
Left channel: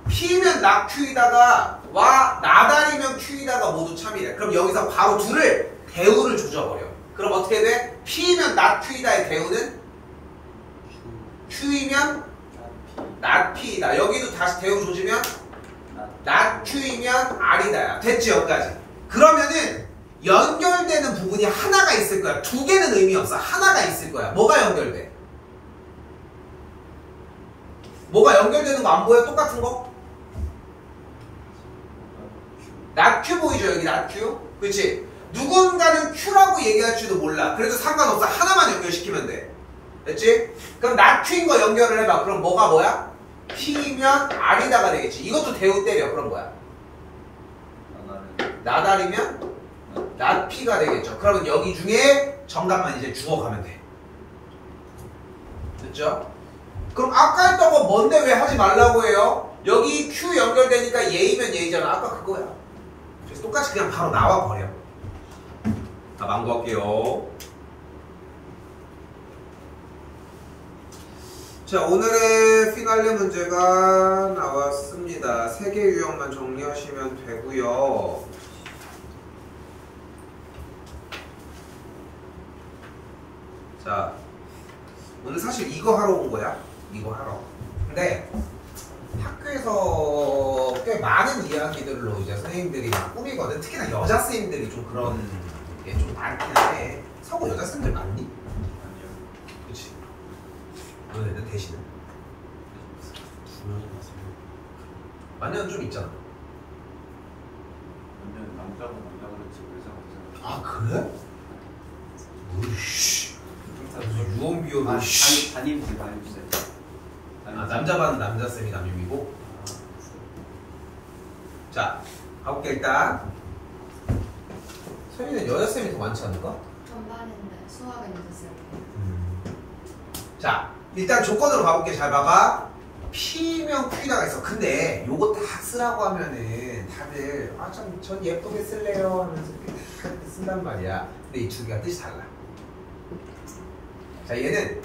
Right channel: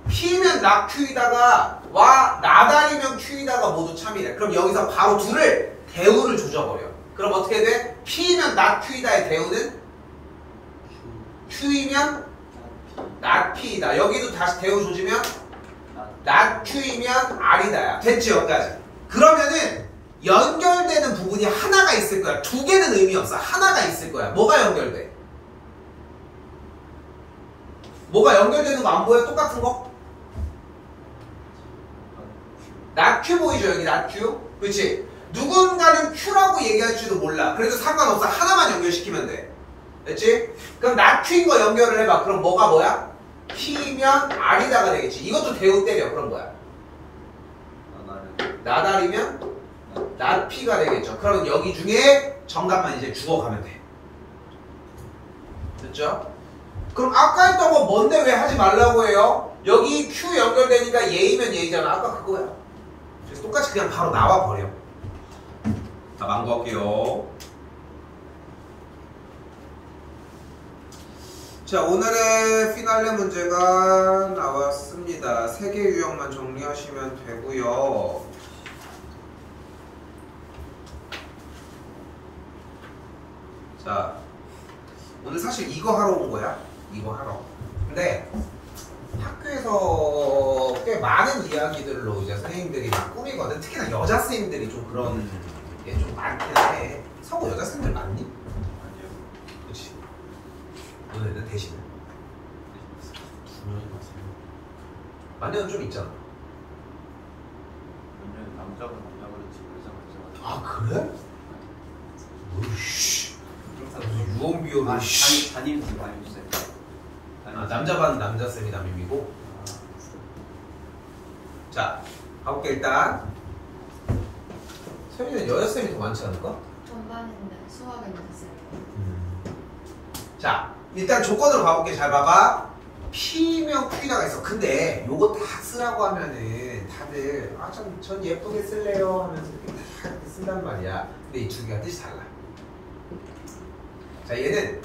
P면 나 Q이다가 와 나다리면 Q이다가 모두 참이래. 그럼 여기서 바로 둘을 대우를 조져버려. 그럼 어떻게 돼? P면 나 Q이다의 대우는 Q이면 나 P이다. 여기도 다시 대우 조지면 나 Q이면 R이다야. 됐지 여기까지. 그러면은 연결되는 부분이 하나가 있을 거야. 두 개는 의미 없어. 하나가 있을 거야. 뭐가 연결돼? 뭐가 연결되는 거 안 보여? 똑같은 거? 나 Q 보이죠? 여기 나 Q? 그치? 누군가는 Q라고 얘기할지도 몰라. 그래도 상관없어. 하나만 연결시키면 돼. 됐지? 그럼 나 Q인 거 연결을 해봐. 그럼 뭐가 뭐야? P면 R이다가 되겠지. 이것도 대우 때려. 그럼 뭐야? 나다리면 나 P가 되겠죠. 그러면 여기 중에 정답만 이제 주워가면 돼. 됐죠? 그럼 아까 했던 거 뭔데 왜 하지 말라고 해요? 여기 Q 연결되니까 얘이면 얘이잖아. 아까 그거야. 그래서 똑같이 그냥 바로 나와버려. 자, 망고할게요. 자, 오늘의 피날레 문제가 나왔습니다. 3개 유형만 정리하시면 되고요. 자, 오늘 사실 이거 하러 온 거야. 이거 하러. 근데 학교에서 꽤 많은 이야기들로 이제 선생님들이 막 꾸미거든. 특히나 여자 선생님들이 좀 그런 게 좀 많긴 해. 서구 여자 선생님들 많니? 아니요. 그치. 너네는 대신은? 중요하지 않습니다. 만년은 좀 있잖아. 왜냐면 남자가 그렇지 여자가 아 그래? 으이씨. 유언비어를 담임쌤. 아 남자 반 남자쌤이 담임이고. 자 가볼게. 일단 소희는 여자쌤이 더 많지 않을까? 전반인데 수학에 넣었어요. 자 일단 조건으로 가볼게. 잘 봐봐. P면 Q가 있어. 근데 요거 다 쓰라고 하면은 다들 아 전 예쁘게 쓸래요 하면서 이렇게 다 이렇게 쓴단 말이야. 근데 이 두 개가 뜻이 달라. 자 얘는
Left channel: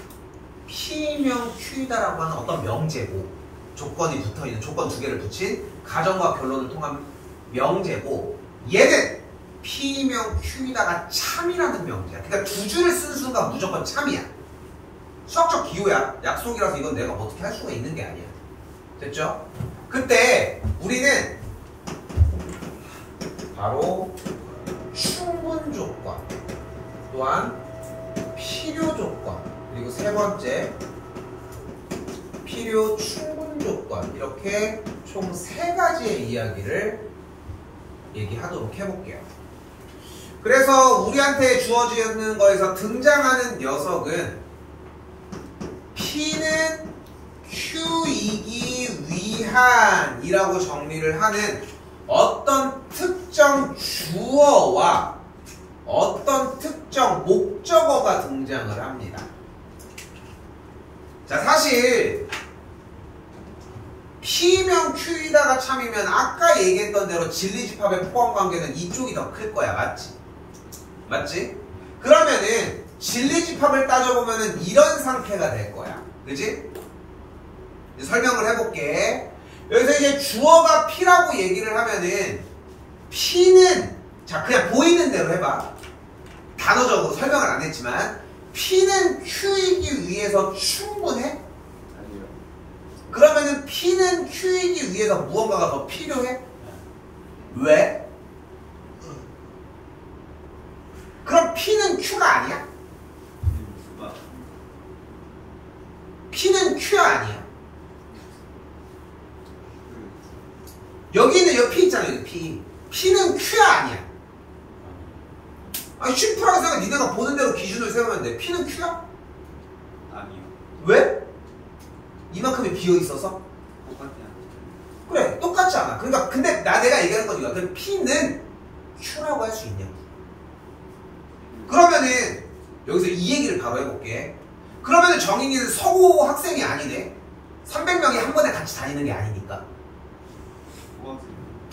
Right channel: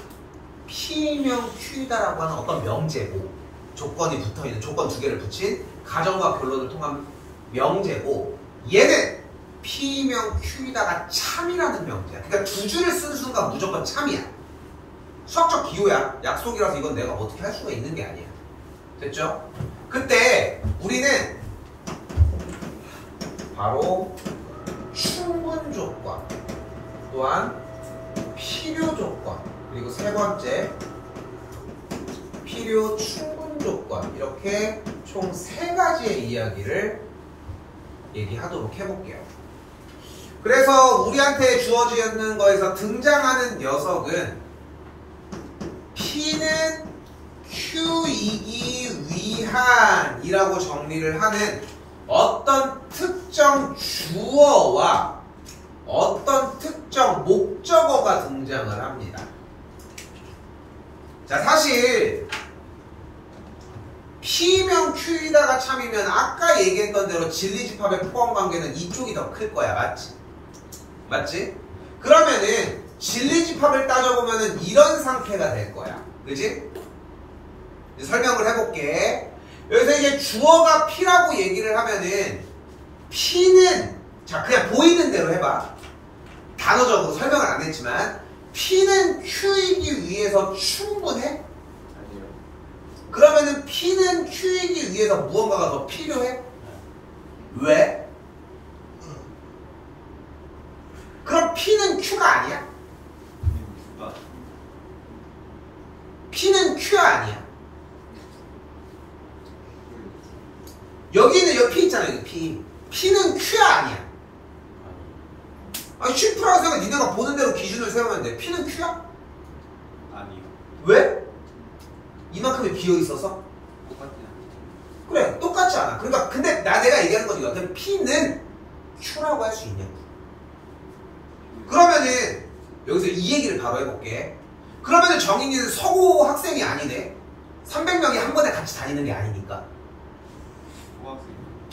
P면 Q다라고 하는 어떤 명제고, 조건이 붙어있는 조건 두 개를 붙인 가정과 결론을 통한 명제고, 얘는 P면 Q다가 참이라는 명제야. 그러니까 두 줄을 쓴 순간 무조건 참이야. 수학적 기호야. 약속이라서 이건 내가 어떻게 할 수가 있는 게 아니야. 됐죠? 그때 우리는 바로 충분 조건, 또한 필요 조건, 그리고 세 번째 필요 충분 조건, 이렇게 총 세 가지의 이야기를 얘기하도록 해볼게요. 그래서 우리한테 주어지는 거에서 등장하는 녀석은 P는 Q이기 위한이라고 정리를 하는 어떤 특정 주어와 어떤 특정 목적어가 등장을 합니다. 자, 사실 P면 Q이다가 참이면 아까 얘기했던 대로 진리집합의 포함 관계는 이쪽이 더 클 거야. 맞지? 맞지? 그러면은 진리집합을 따져보면은 이런 상태가 될 거야. 그지? 이제 설명을 해볼게. 여기서 이제 주어가 P라고 얘기를 하면은 P는, 자 그냥 보이는 대로 해봐. 단어적으로 설명을 안 했지만 P는 Q이기 위해서 충분해? 아니요. 그러면은 P는 Q이기 위해서 무언가가 더 필요해? 왜? 그럼 P는 Q가 아니야? Q가 P는 Q가 아니야. 여기는 여기 P 있잖아, 여기 P. P는 Q가 아니야. 아니, 슈퍼라고 생각해. 니네가 보는 대로 기준을 세우면 돼. P는 Q야? 아니요. 왜? 이만큼이 비어 있어서? 똑같아요. 그래, 똑같지 않아. 그러니까, 근데 내가 얘기하는 거지. 그럼 P는 Q라고 할 수 있냐고. 그러면은, 여기서 이 얘기를 바로 해볼게. 그러면은 정인이는 서고 학생이 아니네. 300명이 한 번에 같이 다니는 게 아니니까.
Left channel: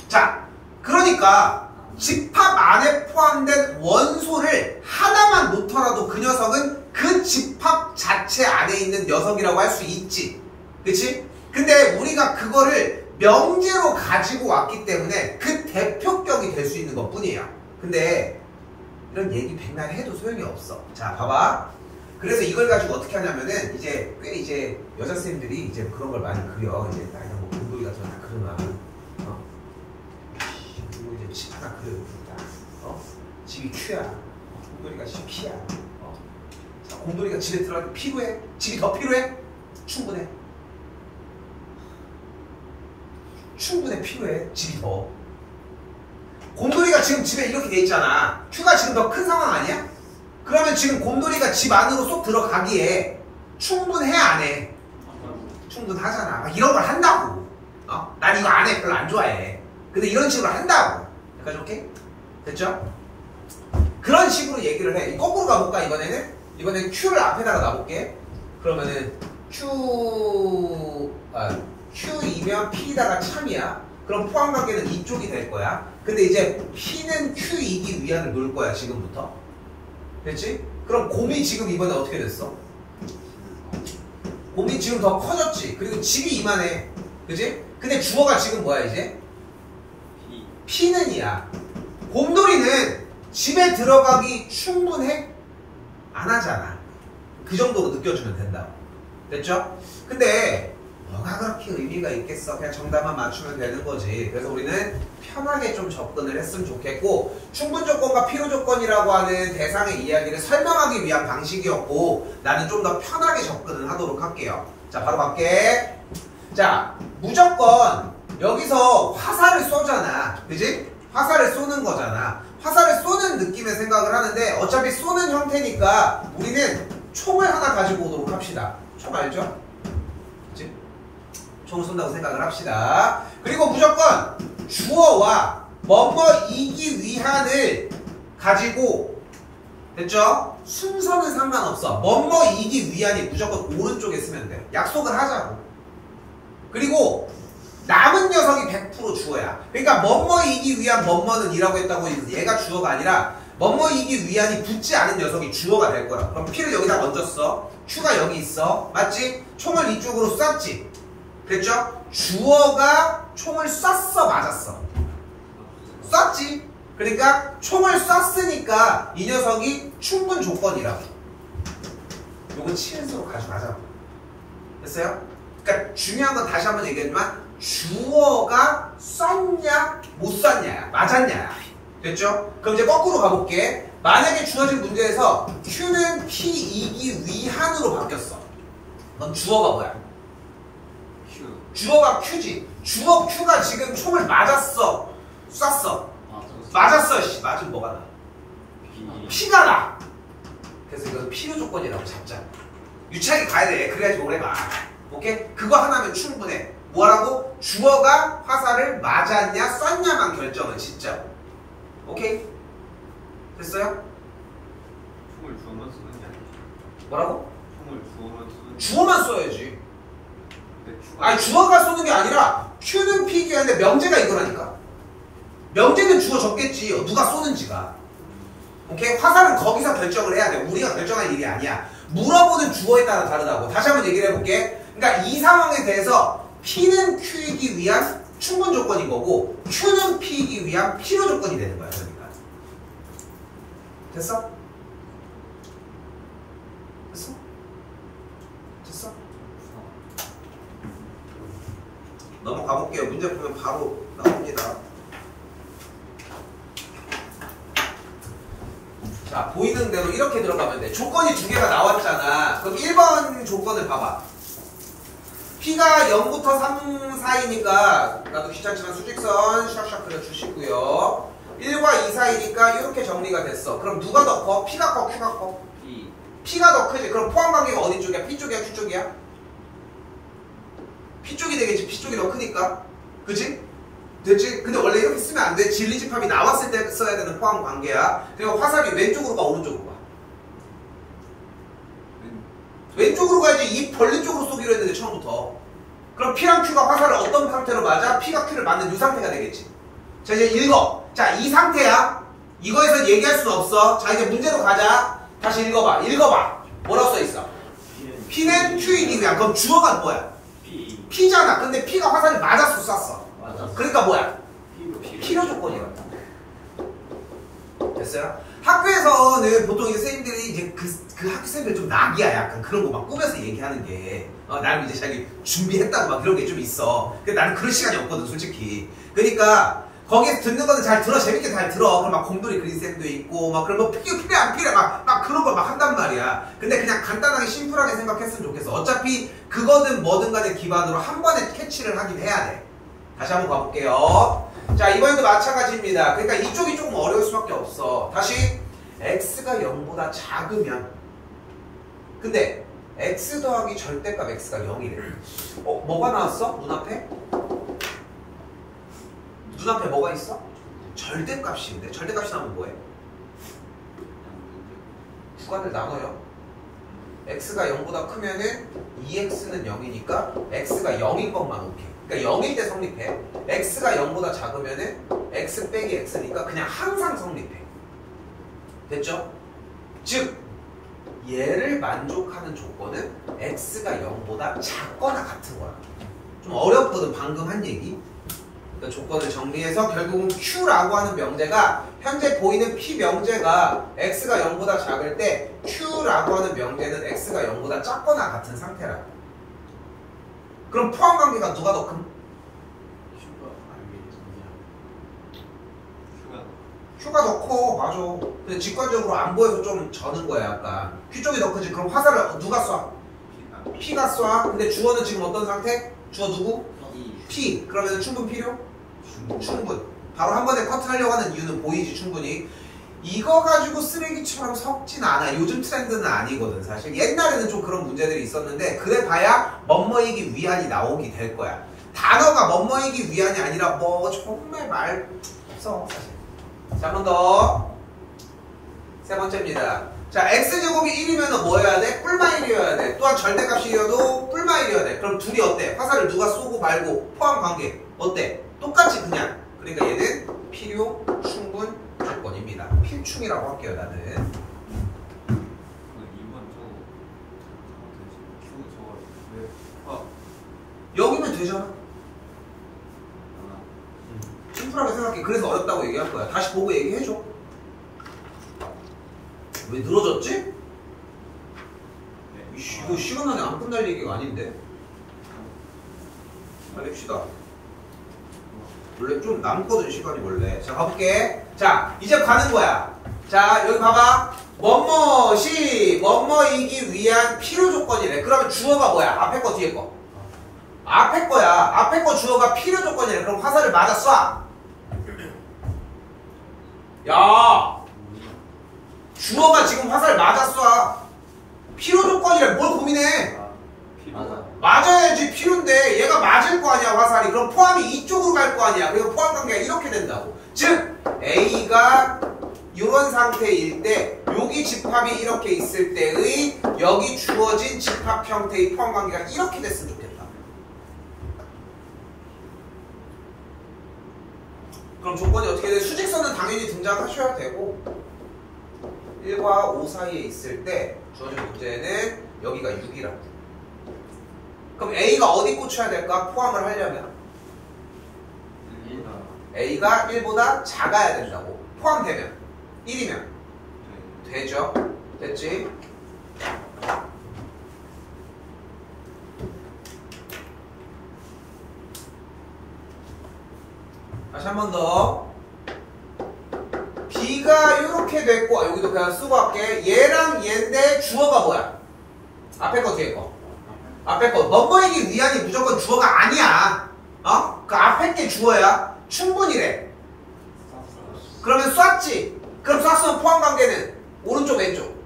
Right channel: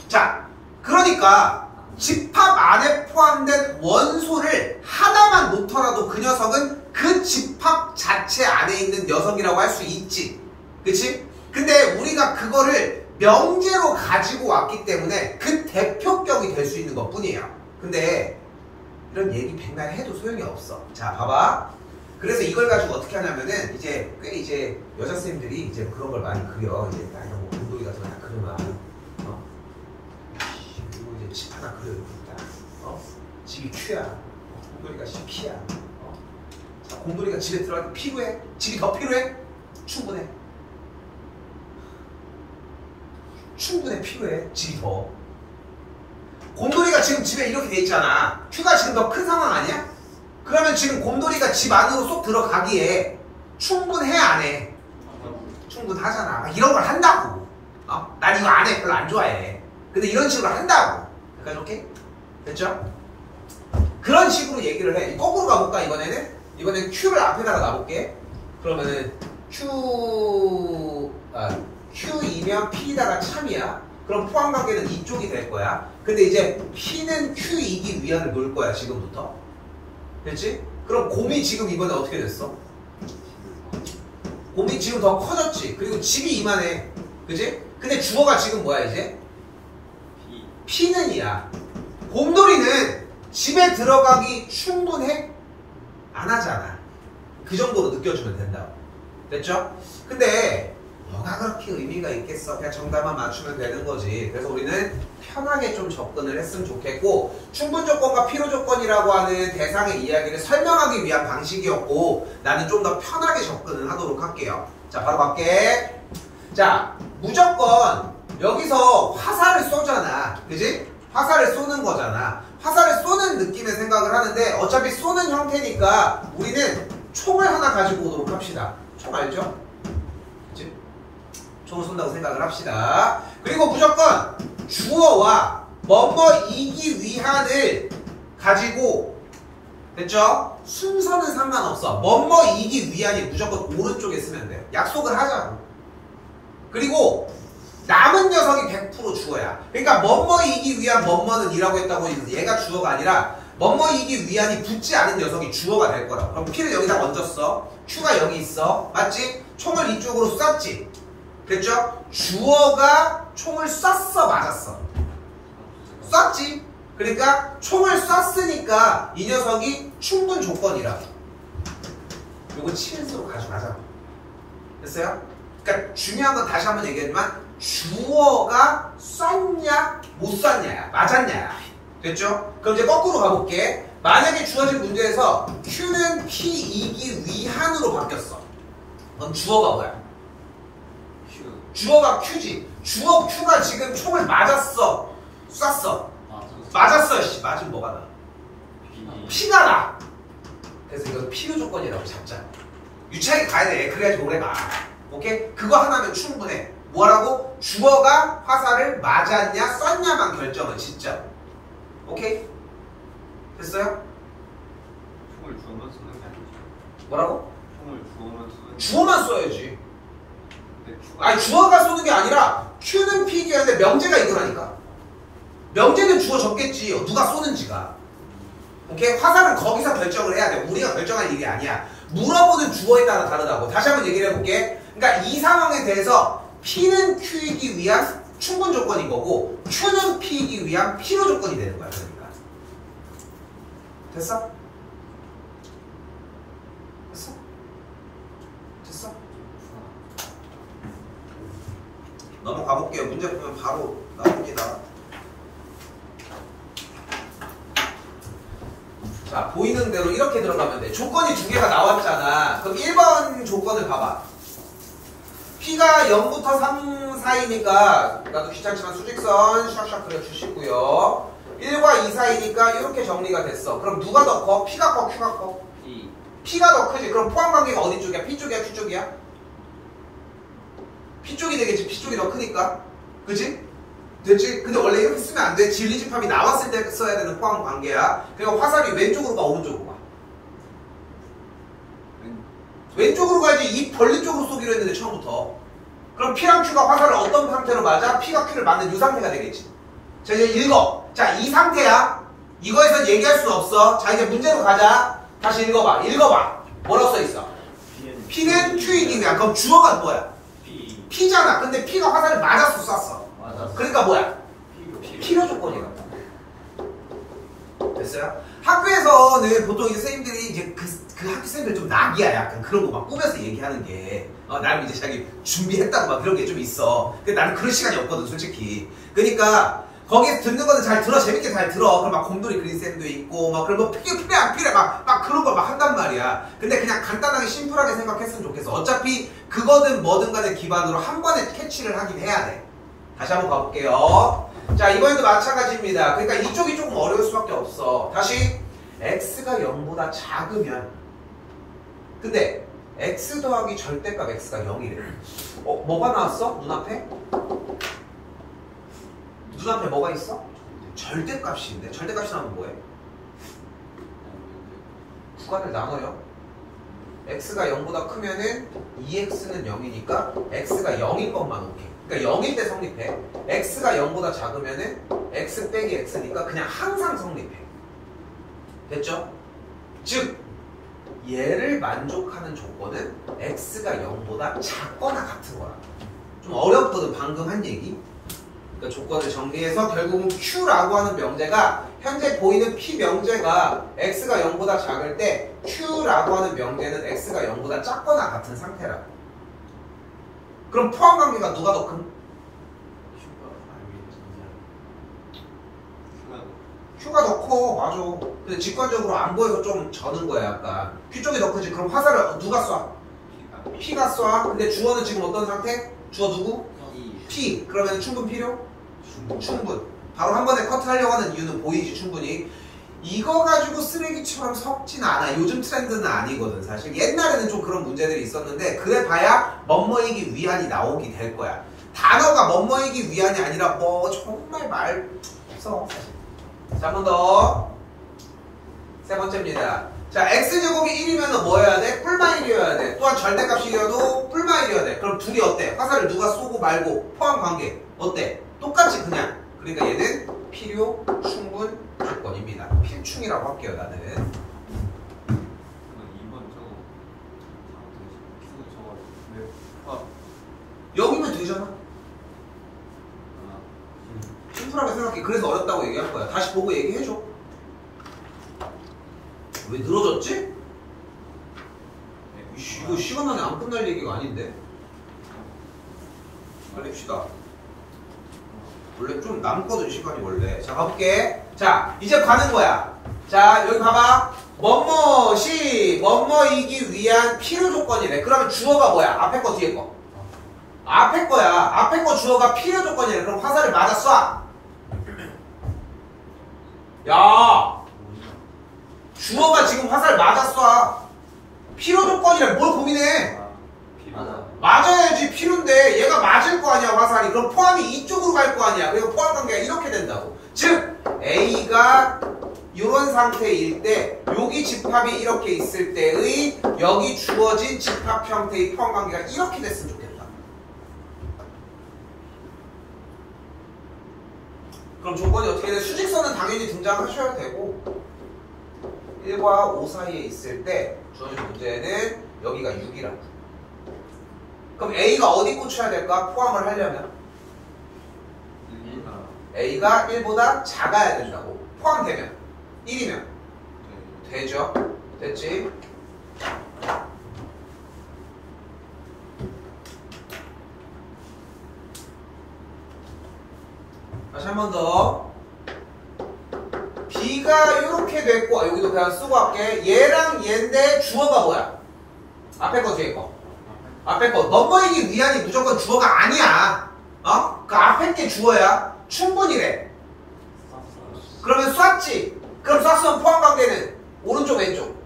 자, 그러니까, 집합 안에 포함된 원소를 하나만 놓더라도 그 녀석은 그 집합 자체 안에 있는 녀석이라고 할 수 있지. 그치? 근데 우리가 그거를 명제로 가지고 왔기 때문에 그 대표격이 될 수 있는 것 뿐이에요. 근데 이런 얘기 백날 해도 소용이 없어. 자, 봐봐. 그래서 이걸 가지고 어떻게 하냐면은 이제 여자 쌤들이 이제 그런 걸 많이 그려. 이제 나 이런 거 공돌이 같은 거 다 그려놔. 이제 집 하나 그려요. 집이 Q야. 공돌이가 P야. 자, 공돌이가 집에 들어갈 때 필요해? 집이 더 필요해? 충분해. 충분해, 필요해. 집이 더. 곰돌이가 지금 집에 이렇게 돼 있잖아. Q가 지금 더 큰 상황 아니야? 그러면 지금 곰돌이가 집 안으로 쏙 들어가기에 충분해, 안 해? 충분하잖아. 막 이런 걸 한다고. 난 이거 안 해. 별로 안 좋아해. 근데 이런 식으로 한다고. 약간 오케이? 됐죠? 그런 식으로 얘기를 해. 거꾸로 가볼까, 이번에는? 이번엔 Q를 앞에다가 놔볼게. 그러면은 Q이면 P다가 참이야. 그럼 포함관계는 이쪽이 될 거야. 근데 이제 P는 Q이기 위한을 놓을 거야, 지금부터. 됐지? 그럼 곰이 지금 이번에 어떻게 됐어? 곰이 지금 더 커졌지. 그리고 집이 이만해. 그치? 근데 주어가 지금 뭐야, 이제? P는 이야. 곰돌이는 집에 들어가기 충분해? 안 하잖아. 그 정도로 느껴주면 된다고. 됐죠? 근데 뭐가 그렇게 의미가 있겠어. 그냥 정답만 맞추면 되는 거지. 그래서 우리는 편하게 좀 접근을 했으면 좋겠고, 충분조건과 필요조건이라고 하는 대상의 이야기를 설명하기 위한 방식이었고, 나는 좀 더 편하게 접근을 하도록 할게요. 자, 바로 갈게. 자, 무조건 여기서 화살을 쏘잖아. 그지? 화살을 쏘는 거잖아. 화살을 쏘는 느낌의 생각을 하는데, 어차피 쏘는 형태니까 우리는 총을 하나 가지고 오도록 합시다. 총 알죠? 그치? 총을 쏜다고 생각을 합시다. 그리고 무조건 주어와 뭐뭐이기 위한을 가지고, 됐죠? 순서는 상관없어. 뭐뭐이기 위한이 무조건 오른쪽에 쓰면 돼. 약속을 하자고. 그리고 남은 녀석이 100% 주어야. 그러니까 뭐뭐이기 위한 뭐뭐는 이라고 했다고 해서 얘가 주어가 아니라 뭐뭐이기 위한이 붙지 않은 녀석이 주어가 될 거야. 그럼 P를 여기다 얹었어. Q가 여기 있어. 맞지? 총을 이쪽으로 쐈지. 됐죠? 주어가 총을 쐈어, 맞았어? 쐈지? 그러니까 총을 쐈으니까 이 녀석이 충분 조건이라고. 요거 치은수로 가져가자고. 됐어요? 그러니까 중요한 건 다시 한번 얘기하지만 주어가 쐈냐 못 쐈냐야, 맞았냐야. 됐죠? 그럼 이제 거꾸로 가볼게. 만약에 주어진 문제에서 Q는 P이기 위한으로 바뀌었어. 그럼 주어가 뭐야? Q. 주어가 Q지. 주어 Q가 지금 총을 맞았어, 쐈어? 맞았어. 씨, 맞으면 뭐가 나? P가 나. 그래서 이건 필요 조건이라고 잡자. 유치하게 가야 돼. 그래야지 오래가. 오케이? 그거 하나면 충분해. 뭐라고? 주어가 화살을 맞았냐 쐈냐만 결정을 진짜. 오케이? 됐어요? 총을 주어만 쓰는 게 아니죠. 뭐라고? 총을 주어만 쓰는 게 주어만 써야지. 근데 아니, 주어가 쏘는 게 아니라 Q는 P이야. 근데 명제가 이거라니까. 명제는 주어 적겠지. 누가 쏘는지가. 오케이? 화살은 거기서 결정을 해야 돼. 우리가 결정할 일이 아니야. 물어보는 주어에 따라 다르다고. 다시 한번 얘기를 해볼게. 그러니까 이 상황에 대해서 P는 Q이기 위한 충분 조건인 거고, Q는 P이기 위한 필요 조건이 되는 거야. 그러니까. 됐어? 가볼게요. 문제 보면 바로 나옵니다. 자, 보이는 대로 이렇게 들어가면 돼. 조건이 두 개가 나왔잖아. 그럼 1번 조건을 봐봐. P가 0부터 3 사이니까 나도 귀찮지만 수직선 샥샥 그려주시고요. 1과 2 사이니까 이렇게 정리가 됐어. 그럼 누가 더 커? P가 커? Q가 커? P. P가 더 크지. 그럼 포함관계가 어디 쪽이야? P 쪽이야? Q 쪽이야? P 쪽이 되겠지. P 쪽이 더 크니까. 그치? 됐지? 근데 원래 이렇게 쓰면 안 돼. 진리집합이 나왔을 때 써야 되는 포함관계야. 그리고 화살이 왼쪽으로 가, 오른쪽으로 가? 왼쪽으로 가야지. 이 벌리 쪽으로 쏘기로 했는데 처음부터. 그럼 P랑 Q가 화살을 어떤 상태로 맞아? P가 Q를 맞는 이 상태가 되겠지. 자, 이제 읽어. 자, 이 상태야. 이거에서 얘기할 수 없어. 자, 이제 문제로 가자. 다시 읽어봐. 읽어봐. 뭐라고 써있어? P는 Q이니까. 그럼 주어가 뭐야? P. P잖아. 근데 P가 화살이 맞았어, 쐈어. 맞았어. 그러니까 뭐야? P로. 필요 조건이야. 됐어요? 학교에서는 보통 이제 선생님들이 이제 그 학교 선생님들 좀 낙이야. 약간 그런 거 막 꾸며서 얘기하는 게. 나는 이제 자기 준비했다고 막 그런 게 좀 있어. 근데 나는 그럴 시간이 없거든, 솔직히. 그러니까 거기서 듣는 거는 잘 들어. 재밌게 잘 들어. 그럼 막 곰돌이 그린 쌤도 있고, 막 그런 거 필요 안 필요해. 막 그런 걸 막 한단 말이야. 근데 그냥 간단하게 심플하게 생각했으면 좋겠어. 어차피 그거든 뭐든 간에 기반으로 한 번에 캐치를 하긴 해야 돼. 다시 한번 가볼게요. 자, 이번에도 마찬가지입니다. 그러니까 이쪽이 조금 어려울 수밖에 없어. 다시 x가 0보다 작으면, 근데 x 더하기 절대값 x가 0이래. 뭐가 나왔어? 눈앞에? 눈앞에 뭐가 있어? 절대값인데. 절대값이 나오면 뭐해? 구간을 나눠요. x가 0보다 크면은 2x는 0이니까 x가 0인 것만 오케이. 그러니까 0일 때 성립해. x가 0보다 작으면은 x 빼기 x니까 그냥 항상 성립해. 됐죠? 즉 얘를 만족하는 조건은 x가 0보다 작거나 같은 거야. 좀 어렵거든, 방금 한 얘기. 그러니까 조건을 정리해서 결국은 Q라고 하는 명제가, 현재 보이는 P 명제가 x가 0보다 작을 때 Q라고 하는 명제는 x가 0보다 작거나 같은 상태라고. 그럼 포함관계가 누가 더 큰? Q가 더 커. 맞아. 근데 직관적으로 안 보여서 좀 저는 거야, 약간. Q 쪽이 더 크지. 그럼 화살을 누가 쏴? P가 쏴. 근데 주어는 지금 어떤 상태? 주어 누구? P. 그러면 충분 필요? 충분. 바로 한 번에 커트하려고 하는 이유는 보이지, 충분히. 이거 가지고 쓰레기처럼 섞진 않아. 요즘 트렌드는 아니거든, 사실. 옛날에는 좀 그런 문제들이 있었는데, 그래 봐야 멋머이기 위안이 나오게 될 거야. 단어가 멋머이기 위안이 아니라 뭐 정말 말 없어, 사실. 자, 한 번 더. 세 번째입니다. 자, x제곱이 1이면 뭐여야 돼? 뿔마 1이어야 돼. 또한 절대값이어도 뿔마 1이어야 돼. 그럼 둘이 어때? 화살을 누가 쏘고 말고 포함관계 어때? 똑같이 그냥. 그러니까 얘는 필요, 충분, 조건입니다. 필충이라고 할게요, 나는. 여기면 되잖아. 심플하게 생각해. 그래서 어렵다고 얘기할 거야. 다시 보고 얘기해줘. 왜 늘어졌지? 이거 시간 안에 안 끝날 얘기가 아닌데. 빨리 합시다. 원래 좀 남거든, 시간이 원래. 자, 가볼게. 자, 이제 가는 거야. 자, 여기 봐봐. 뭐뭐이기 위한 필요 조건이래. 그러면 주어가 뭐야? 앞에 거, 뒤에 거? 앞에 거야. 앞에 거 주어가 필요 조건이래. 그럼 화살을 맞아 쏴. 야, 주어가 지금 화살 맞아 쏴. 필요 조건이래. 뭘 고민해? 맞아야지. 필요인데 얘가 맞을 거 아니야, 화살이. 그럼 포함이 이쪽으로 갈 거 아니야. 그리고 포함 관계가 이렇게 된다고. 즉 A가 이런 상태일 때, 여기 집합이 이렇게 있을 때의 여기 주어진 집합 형태의 포함 관계가 이렇게 됐으면 좋겠다. 그럼 조건이 어떻게 돼? 수직선은 당연히 등장하셔야 되고, 1과 5 사이에 있을 때 주어진 문제는 여기가 6이라고. 그럼 A가 어디 꽂혀야 될까? 포함을 하려면 A가 1보다 작아야 된다고. 포함되면 1이면 되죠? 됐지? 다시 한 번 더. B가 이렇게 됐고, 여기도 그냥 쓰고 할게. 얘랑 얘인데 주어가 뭐야? 앞에 거 뒤에 거. 앞에 거. 넘버이기 위한이 무조건 주어가 아니야. 어? 그 앞에 게 주어야. 충분히래. 그러면 쐈지. 그럼 쐈으면 포함 관계는 오른쪽 왼쪽.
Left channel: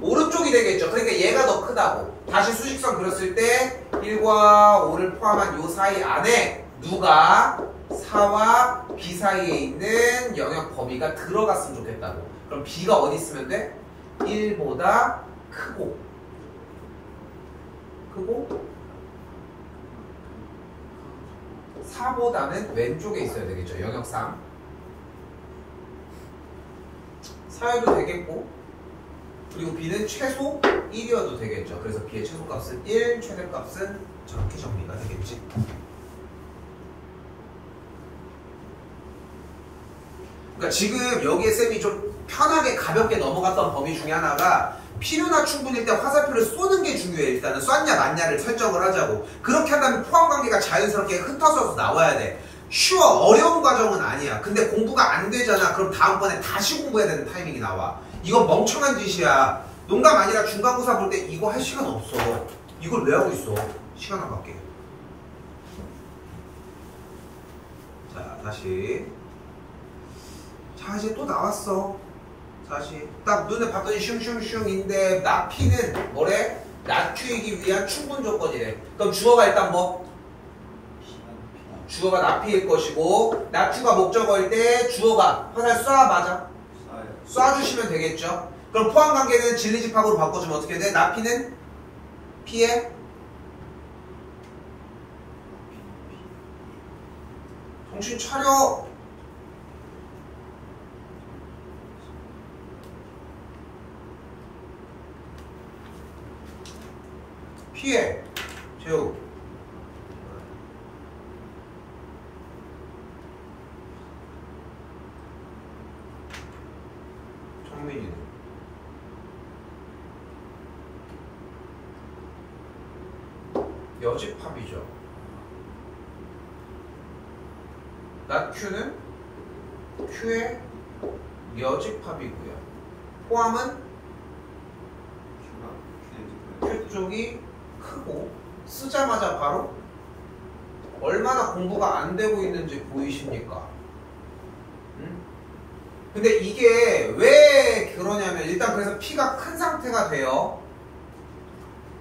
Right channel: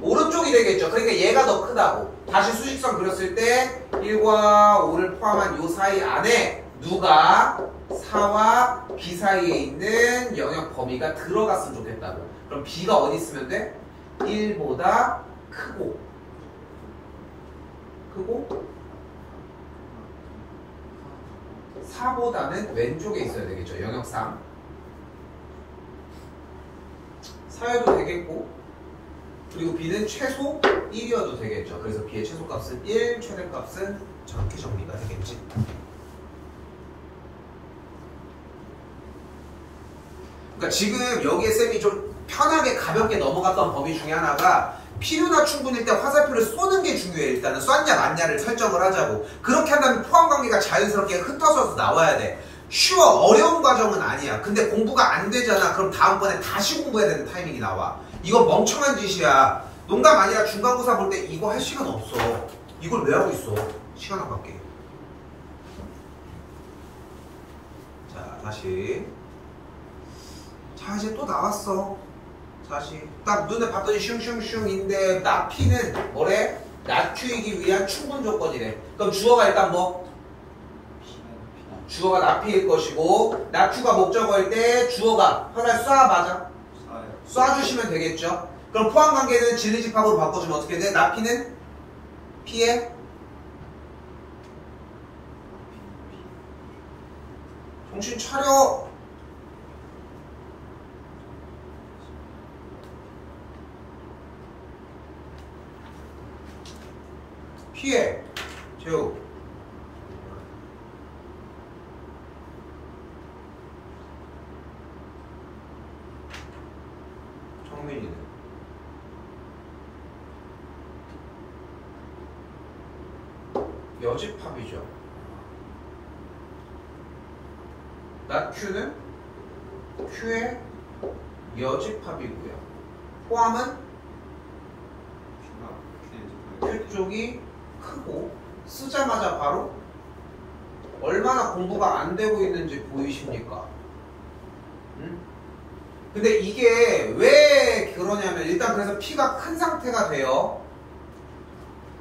오른쪽이 되겠죠. 그러니까 얘가 더 크다고. 다시 수직선 그렸을 때 1과 5를 포함한 요 사이 안에 누가 4와 B 사이에 있는 영역 범위가 들어갔으면 좋겠다고. 그럼 B가 어디 있으면 돼? 1보다 크고 4보다는 왼쪽에 있어야 되겠죠. 영역상 4여도 되겠고, 그리고 B는 최소 1이어도 되겠죠. 그래서 B의 최소값은 1, 최대값은 저렇게 정리가 되겠지. 그러니까 지금 여기에 쌤이 좀 편하게 가볍게 넘어갔던 범위 중에 하나가 필요나 충분일 때 화살표를 쏘는 게 중요해. 일단은 쐈냐 맞냐를 설정을 하자고. 그렇게 한다면 포함관계가 자연스럽게 흩어져서 나와야 돼. 쉬워, 어려운 과정은 아니야. 근데 공부가 안 되잖아. 그럼 다음번에 다시 공부해야 되는 타이밍이 나와. 이건 멍청한 짓이야. 농담 아니라 중간고사 볼 때 이거 할 시간 없어. 이걸 왜 하고 있어? 시간 아깝게. 자, 다시. 자, 이제 또 나왔어. 다시. 딱 눈에 봤더니 슝슝슝인데 나피는 뭐래? 나튀이기 위한 충분 조건이래. 그럼 주어가 일단 뭐? 주어가 나피일 것이고, 나큐가 목적어일 때 주어가 화살 쏴 맞아? 쏴주시면 되겠죠. 그럼 포함관계는 진리집합으로 바꿔주면 어떻게 돼? 나피는 피해? 정신 차려. 피해. 재우. 정민이는 여집합이죠. 나 Q는 Q의 여집합이고요. 포함은 Q 쪽이 크고, 쓰자마자 바로 얼마나 공부가 안 되고 있는지 보이십니까? 근데 이게 왜 그러냐면, 일단 그래서 P가 큰 상태가 돼요.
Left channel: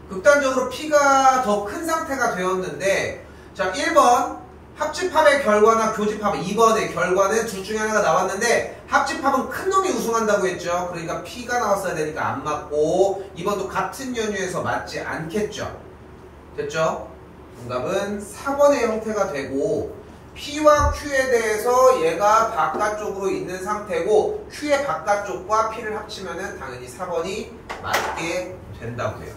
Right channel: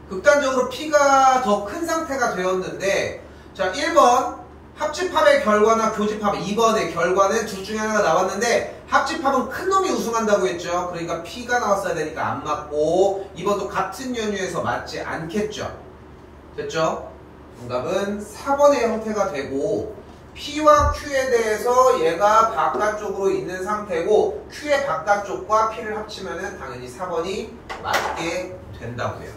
극단적으로 P가 더 큰 상태가 되었는데, 자, 1번 합집합의 결과나 교집합, 2번의 결과는 둘 중에 하나가 나왔는데 합집합은 큰 놈이 우승한다고 했죠. 그러니까 P가 나왔어야 되니까 안 맞고, 2번도 같은 연유에서 맞지 않겠죠. 됐죠? 정답은 4번의 형태가 되고, P와 Q에 대해서 얘가 바깥쪽으로 있는 상태고, Q의 바깥쪽과 P를 합치면 당연히 4번이 맞게 된다고요.